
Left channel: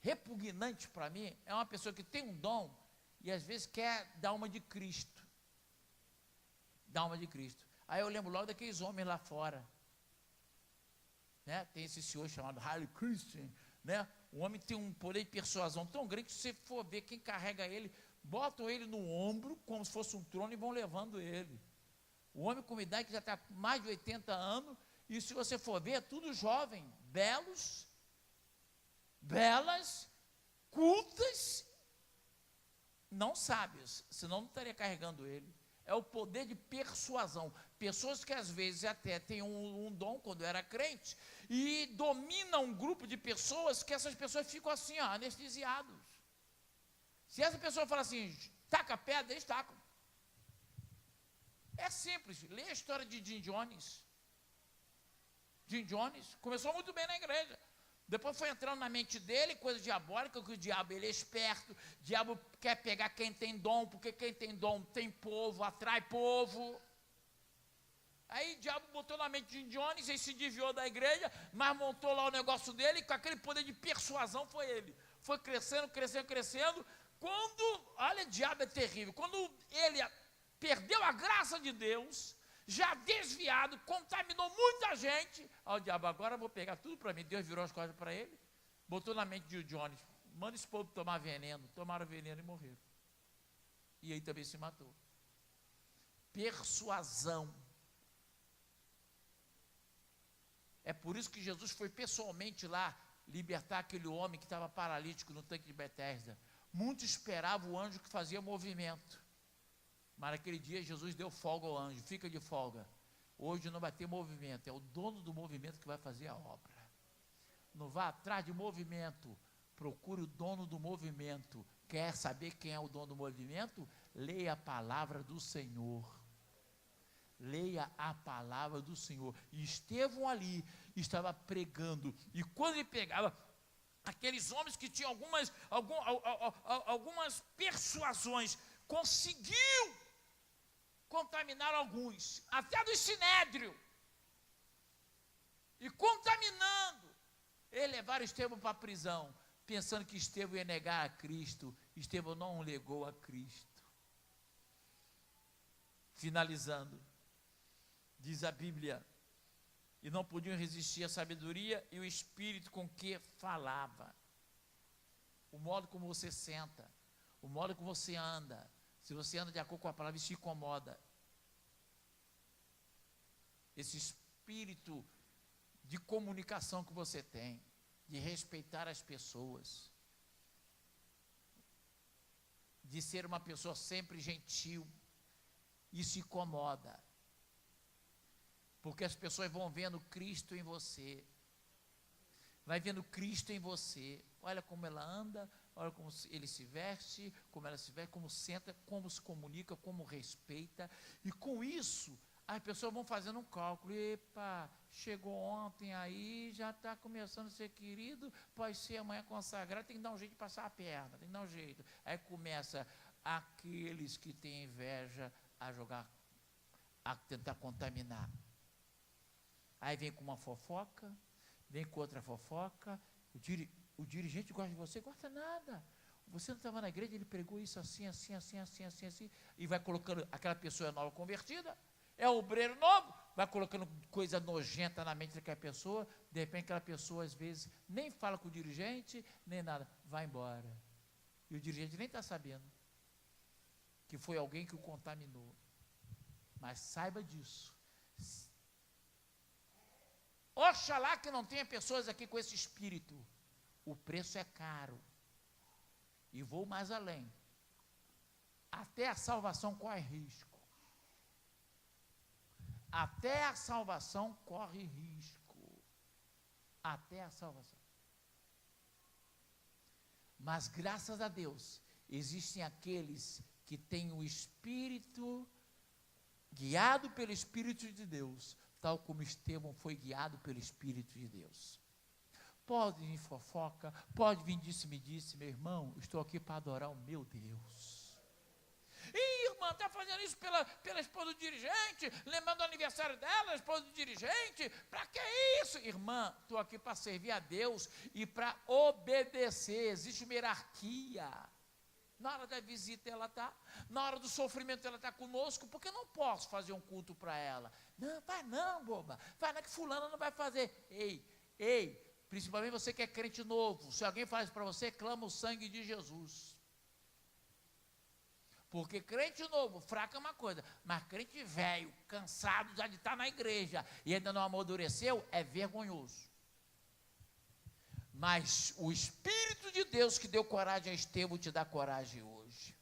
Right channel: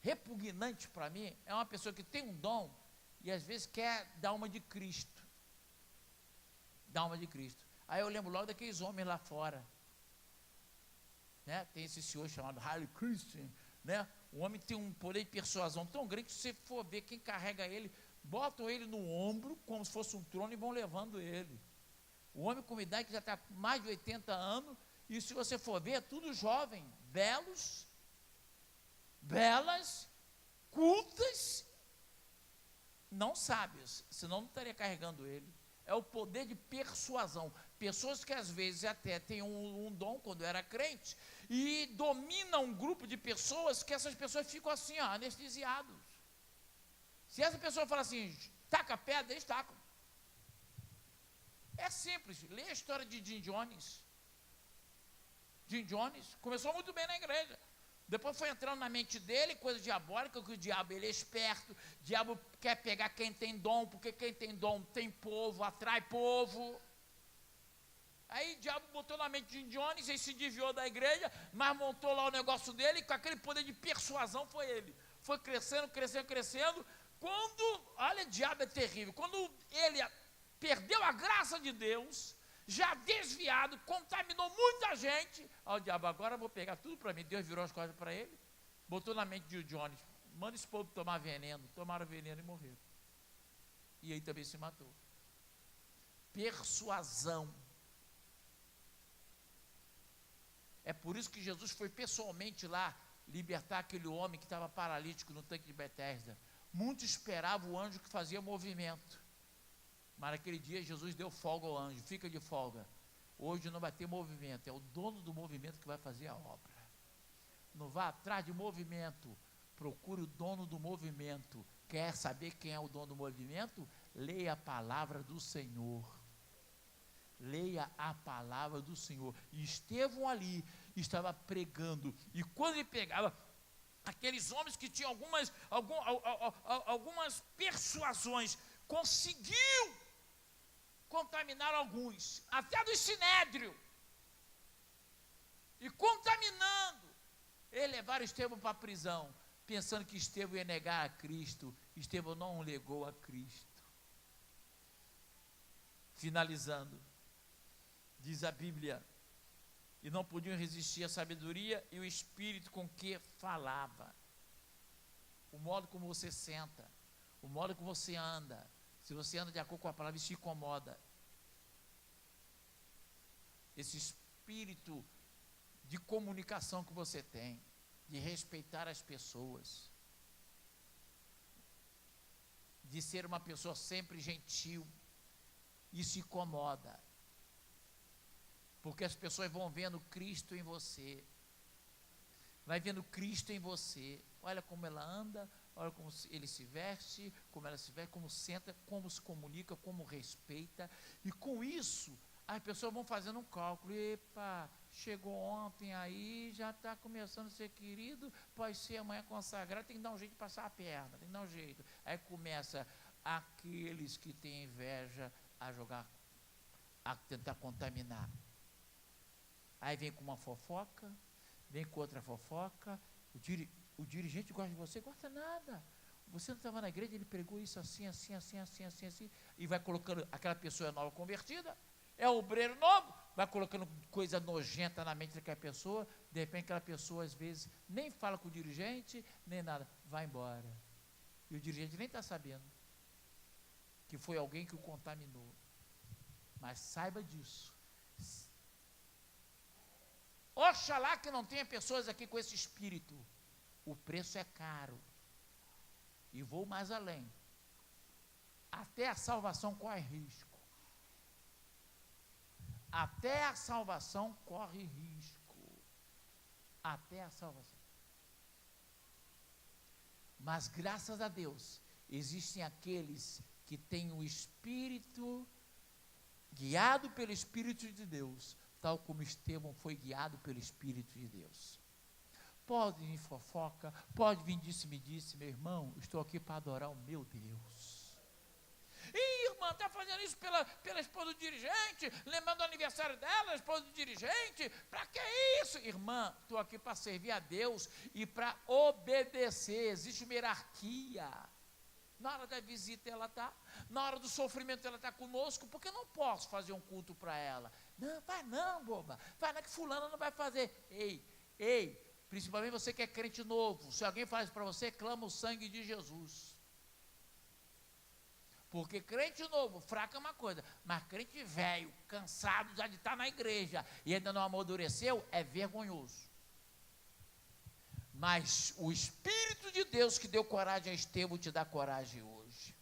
repugnante para mim, é uma pessoa que tem um dom e às vezes quer dar uma de Cristo. Dar uma de Cristo. Aí eu lembro logo daqueles homens lá fora. Né? Tem esse senhor chamado Harley Christian, né? O homem tem um poder de persuasão tão grande que se você for ver quem carrega ele, botam ele no ombro como se fosse um trono e vão levando ele. O homem com idade que já está com mais de 80 anos, e se você for ver, é tudo jovem, belos, belas, cultas, não sábios, senão não estaria carregando ele. É o poder de persuasão. Pessoas que às vezes até têm um dom quando era crente, e dominam um grupo de pessoas que essas pessoas ficam assim, anestesiados. Se essa pessoa fala assim, taca pedra, eles tacam. É simples, lê a história de Jim Jones. Jim Jones começou muito bem na igreja. Depois foi entrando na mente dele, coisa diabólica, que o diabo, ele é esperto, o diabo quer pegar quem tem dom, porque quem tem dom tem povo, atrai povo. Aí o diabo botou na mente de Jim Jones, ele se desviou da igreja, mas montou lá o negócio dele, e com aquele poder de persuasão foi ele. Foi crescendo, crescendo, crescendo. Quando, olha, o diabo é terrível, quando ele perdeu a graça de Deus, já desviado, contaminou muita gente. O diabo, agora eu vou pegar tudo para mim. Deus virou as costas para ele, botou na mente de Jones, manda esse povo tomar veneno. Tomaram veneno e morreram. E aí também se matou. Persuasão. É por isso que Jesus foi pessoalmente lá libertar aquele homem que estava paralítico no tanque de Betesda. Muitos esperavam o anjo que fazia movimento. Mas naquele dia Jesus deu folga ao anjo. Fica de folga. Hoje não vai ter movimento. É o dono do movimento que vai fazer a obra. Não vá atrás de movimento. Procure o dono do movimento. Quer saber quem é o dono do movimento? Leia a palavra do Senhor. Leia a palavra do Senhor. E Estevão ali estava pregando. E quando ele pegava aqueles homens que tinham algumas persuasões, conseguiu contaminar alguns, até do Sinédrio. E contaminando, eles levaram Estevão para a prisão, pensando que Estevão ia negar a Cristo. Estevão não negou a Cristo. Finalizando, diz a Bíblia, e não podiam resistir à sabedoria e o espírito com que falava. O modo como você senta, o modo como você anda, se você anda de acordo com a palavra, isso te incomoda. Esse espírito de comunicação que você tem, de respeitar as pessoas, de ser uma pessoa sempre gentil, isso incomoda. Porque as pessoas vão vendo Cristo em você. Vai vendo Cristo em você. Olha como ela anda, olha como ele se veste, como ela se veste, como senta, como se comunica, como respeita. E com isso, as pessoas vão fazendo um cálculo. Epa, chegou ontem aí, já está começando a ser querido, pode ser amanhã consagrado, tem que dar um jeito de passar a perna, tem que dar um jeito. Aí começa aqueles que têm inveja a jogar, a tentar contaminar. Aí vem com uma fofoca, vem com outra fofoca, o dirigente gosta de você, gosta nada. Você não estava na igreja, ele pregou isso assim, e vai colocando, aquela pessoa nova convertida, é o obreiro novo, vai colocando coisa nojenta na mente daquela pessoa, de repente aquela pessoa às vezes nem fala com o dirigente, nem nada, vai embora. E o dirigente nem está sabendo que foi alguém que o contaminou. Mas saiba disso. Oxalá que não tenha pessoas aqui com esse espírito. O preço é caro. E vou mais além. Até a salvação corre risco. Até a salvação corre risco. Até a salvação. Mas graças a Deus, existem aqueles que têm o Espírito, guiado pelo Espírito de Deus, tal como Estevão foi guiado pelo Espírito de Deus. Pode vir fofoca, pode vir disse-me-disse, meu irmão, estou aqui para adorar o meu Deus. Ih, irmã, está fazendo isso pela esposa do dirigente, lembrando do aniversário dela, a esposa do dirigente, para que isso? Irmã, estou aqui para servir a Deus e para obedecer, existe uma hierarquia. Na hora da visita ela está, na hora do sofrimento ela está conosco, porque eu não posso fazer um culto para ela. Não, vai não, boba, vai não que fulana não vai fazer. Ei, principalmente você que é crente novo, se alguém faz para você, clama o sangue de Jesus. Porque crente novo, fraco é uma coisa, mas crente velho, cansado já de estar na igreja e ainda não amadureceu, é vergonhoso. Mas o Espírito de Deus que deu coragem a Estevão te dá coragem hoje.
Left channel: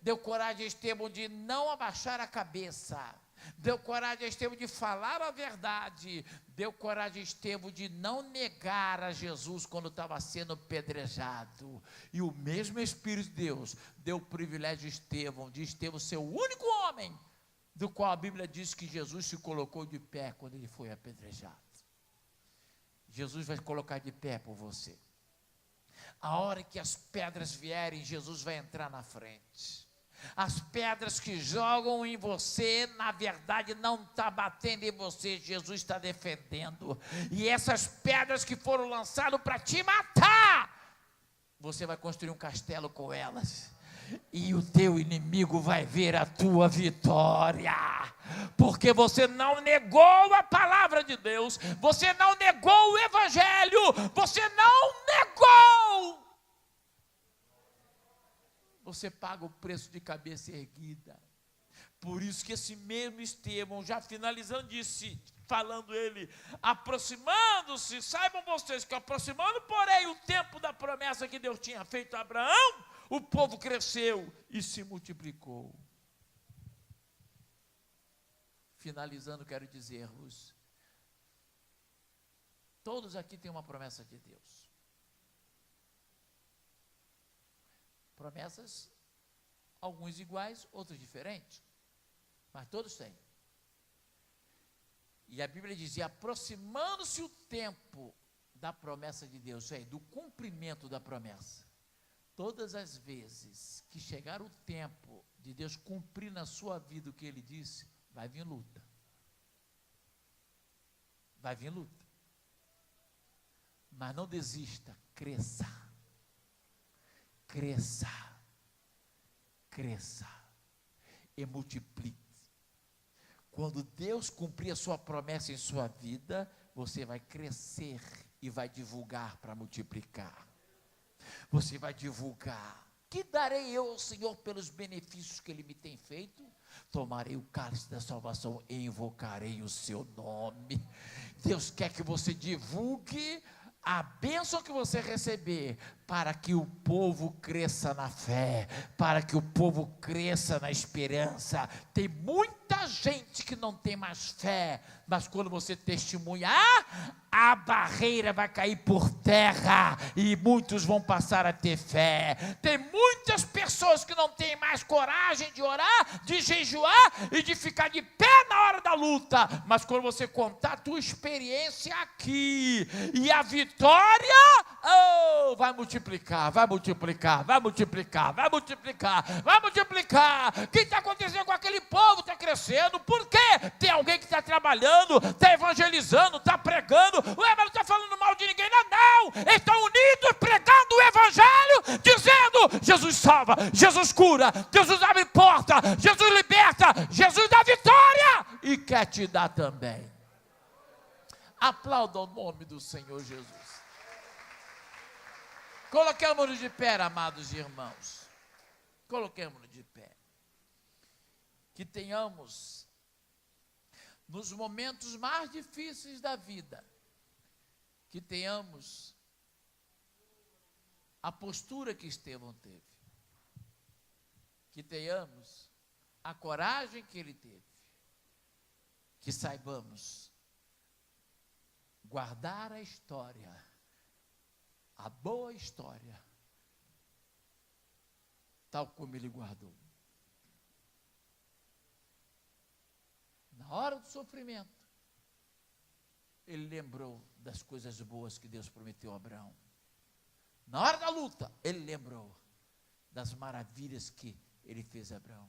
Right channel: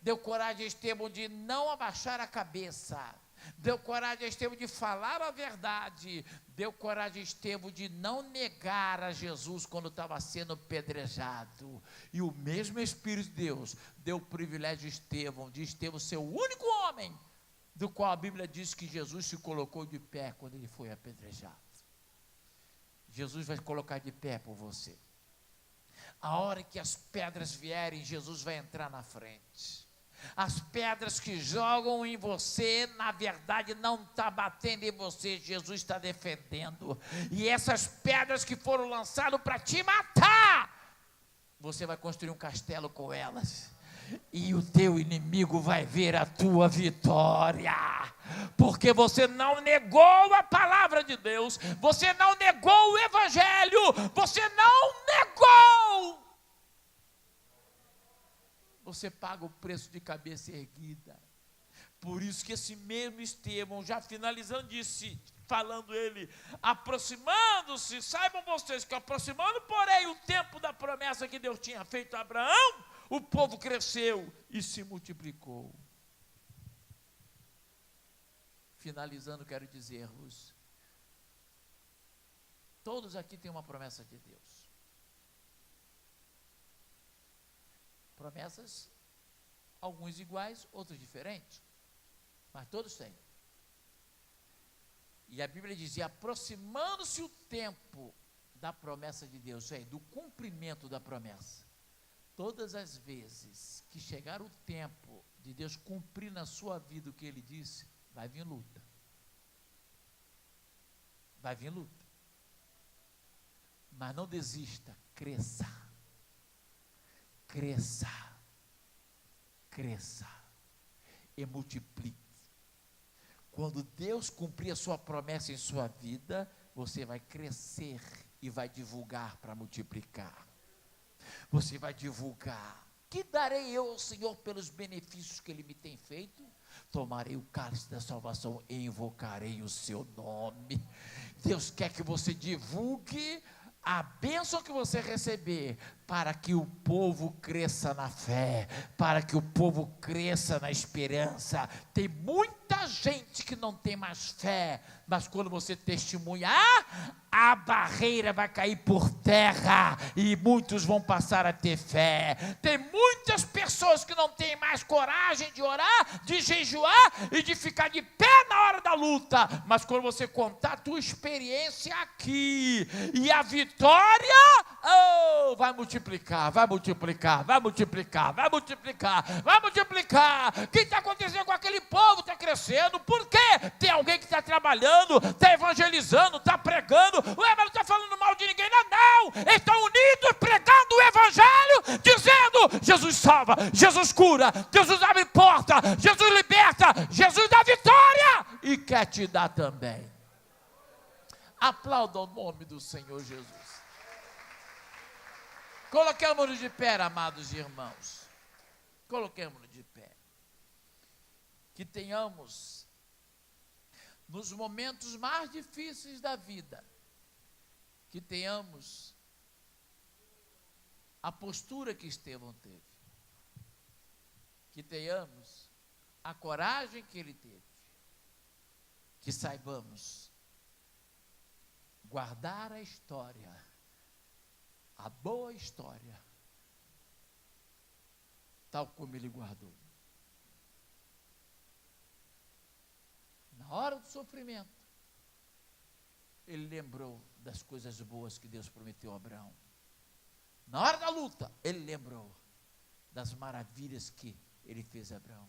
Deu coragem a Estevão de não abaixar a cabeça. Deu coragem a Estevão de falar a verdade. Deu coragem a Estevão de não negar a Jesus quando estava sendo apedrejado. E o mesmo Espírito de Deus deu o privilégio de Estevão ser o único homem do qual a Bíblia diz que Jesus se colocou de pé quando ele foi apedrejado. Jesus vai colocar de pé por você. A hora que as pedras vierem, Jesus vai entrar na frente. As pedras que jogam em você, na verdade não está batendo em você, Jesus está defendendo. E essas pedras que foram lançadas para te matar, você vai construir um castelo com elas. E o teu inimigo vai ver a tua vitória, porque você não negou a palavra de Deus, você não negou o evangelho, você não negou você paga o preço de cabeça erguida. Por isso que esse mesmo Estevão, já finalizando, disse, falando ele, aproximando-se, saibam vocês que aproximando, porém, o tempo da promessa que Deus tinha feito a Abraão, o povo cresceu e se multiplicou. Finalizando, quero dizer-vos, todos aqui têm uma promessa de Deus. Promessas, alguns iguais, outros diferentes, mas todos têm. E a Bíblia dizia, aproximando-se o tempo da promessa de Deus, isso aí, do cumprimento da promessa. Todas as vezes que chegar o tempo de Deus cumprir na sua vida o que Ele disse, vai vir luta. Vai vir luta. Mas não desista, cresça. Cresça. Cresça. E multiplique. Quando Deus cumprir a sua promessa em sua vida, você vai crescer e vai divulgar para multiplicar. Você vai divulgar. Que darei eu ao Senhor pelos benefícios que Ele me tem feito? Tomarei o cálice da salvação e invocarei o seu nome. Deus quer que você divulgue a bênção que você receber, para que o povo cresça na fé, para que o povo cresça na esperança. Tem muita gente que não tem mais fé, mas quando você testemunhar, a barreira vai cair por terra, e muitos vão passar a ter fé. Tem muitas pessoas que não têm mais coragem de orar, de jejuar, e de ficar de pé na hora da luta, mas quando você contar a tua experiência aqui, e a vitória, vai multiplicar, vai multiplicar, vai multiplicar, vai multiplicar, vai multiplicar. O que está acontecendo com aquele povo? Está crescendo. Por quê? Tem alguém que está trabalhando, está evangelizando, está pregando. Ué, mas não está falando mal de ninguém, não. Eles estão unidos, pregando o evangelho, dizendo, Jesus salva, Jesus cura, Jesus abre porta, Jesus liberta, Jesus dá vitória, e quer te dar também. Aplauda o nome do Senhor Jesus. Coloquemos-nos de pé, amados irmãos. Coloquemos-nos de pé. Que tenhamos, nos momentos mais difíceis da vida, que tenhamos a postura que Estevão teve. Que tenhamos a coragem que ele teve. Que saibamos guardar a história, a boa história, tal como ele guardou. Na hora do sofrimento, ele lembrou das coisas boas que Deus prometeu a Abraão. Na hora da luta, ele lembrou das maravilhas que ele fez a Abraão.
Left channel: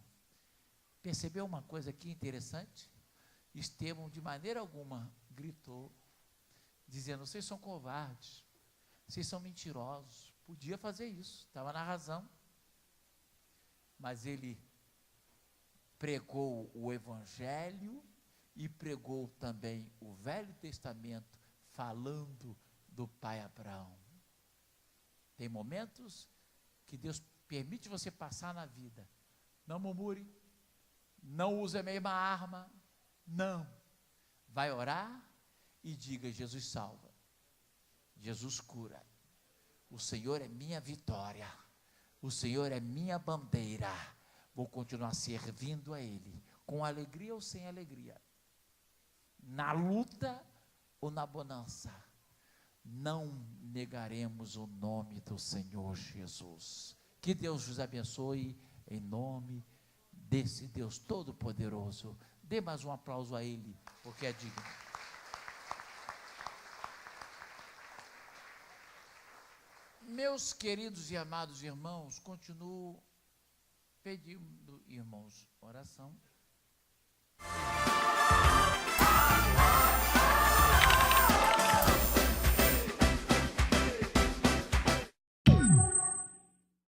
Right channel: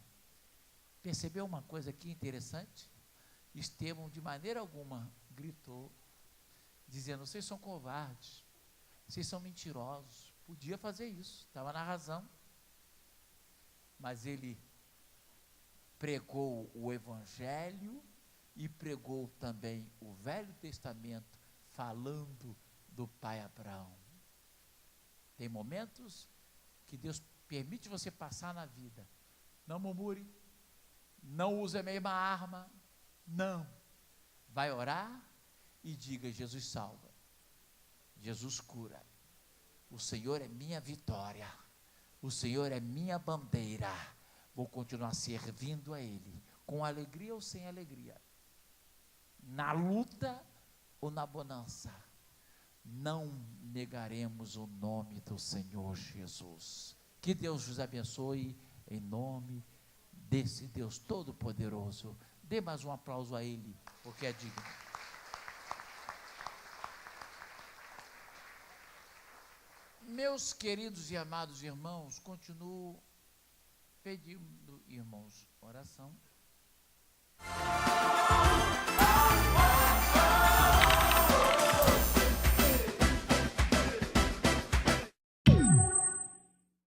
Percebeu uma coisa aqui interessante? Estevão, de maneira alguma, gritou, dizendo, vocês são covardes, vocês são mentirosos. Podia fazer isso, estava na razão. Mas ele pregou o Evangelho e pregou também o Velho Testamento, falando do pai Abraão. Tem momentos que Deus permite você passar na vida. Não murmure, não use a mesma arma, não. Vai orar e diga, Jesus salva. Jesus cura, o Senhor é minha vitória, o Senhor é minha bandeira, vou continuar servindo a Ele, com alegria ou sem alegria, na luta ou na bonança, não negaremos o nome do Senhor Jesus. Que Deus os abençoe, em nome desse Deus Todo-Poderoso. Dê mais um aplauso a Ele, porque é digno. Meus queridos e amados irmãos, continuo pedindo, irmãos, oração.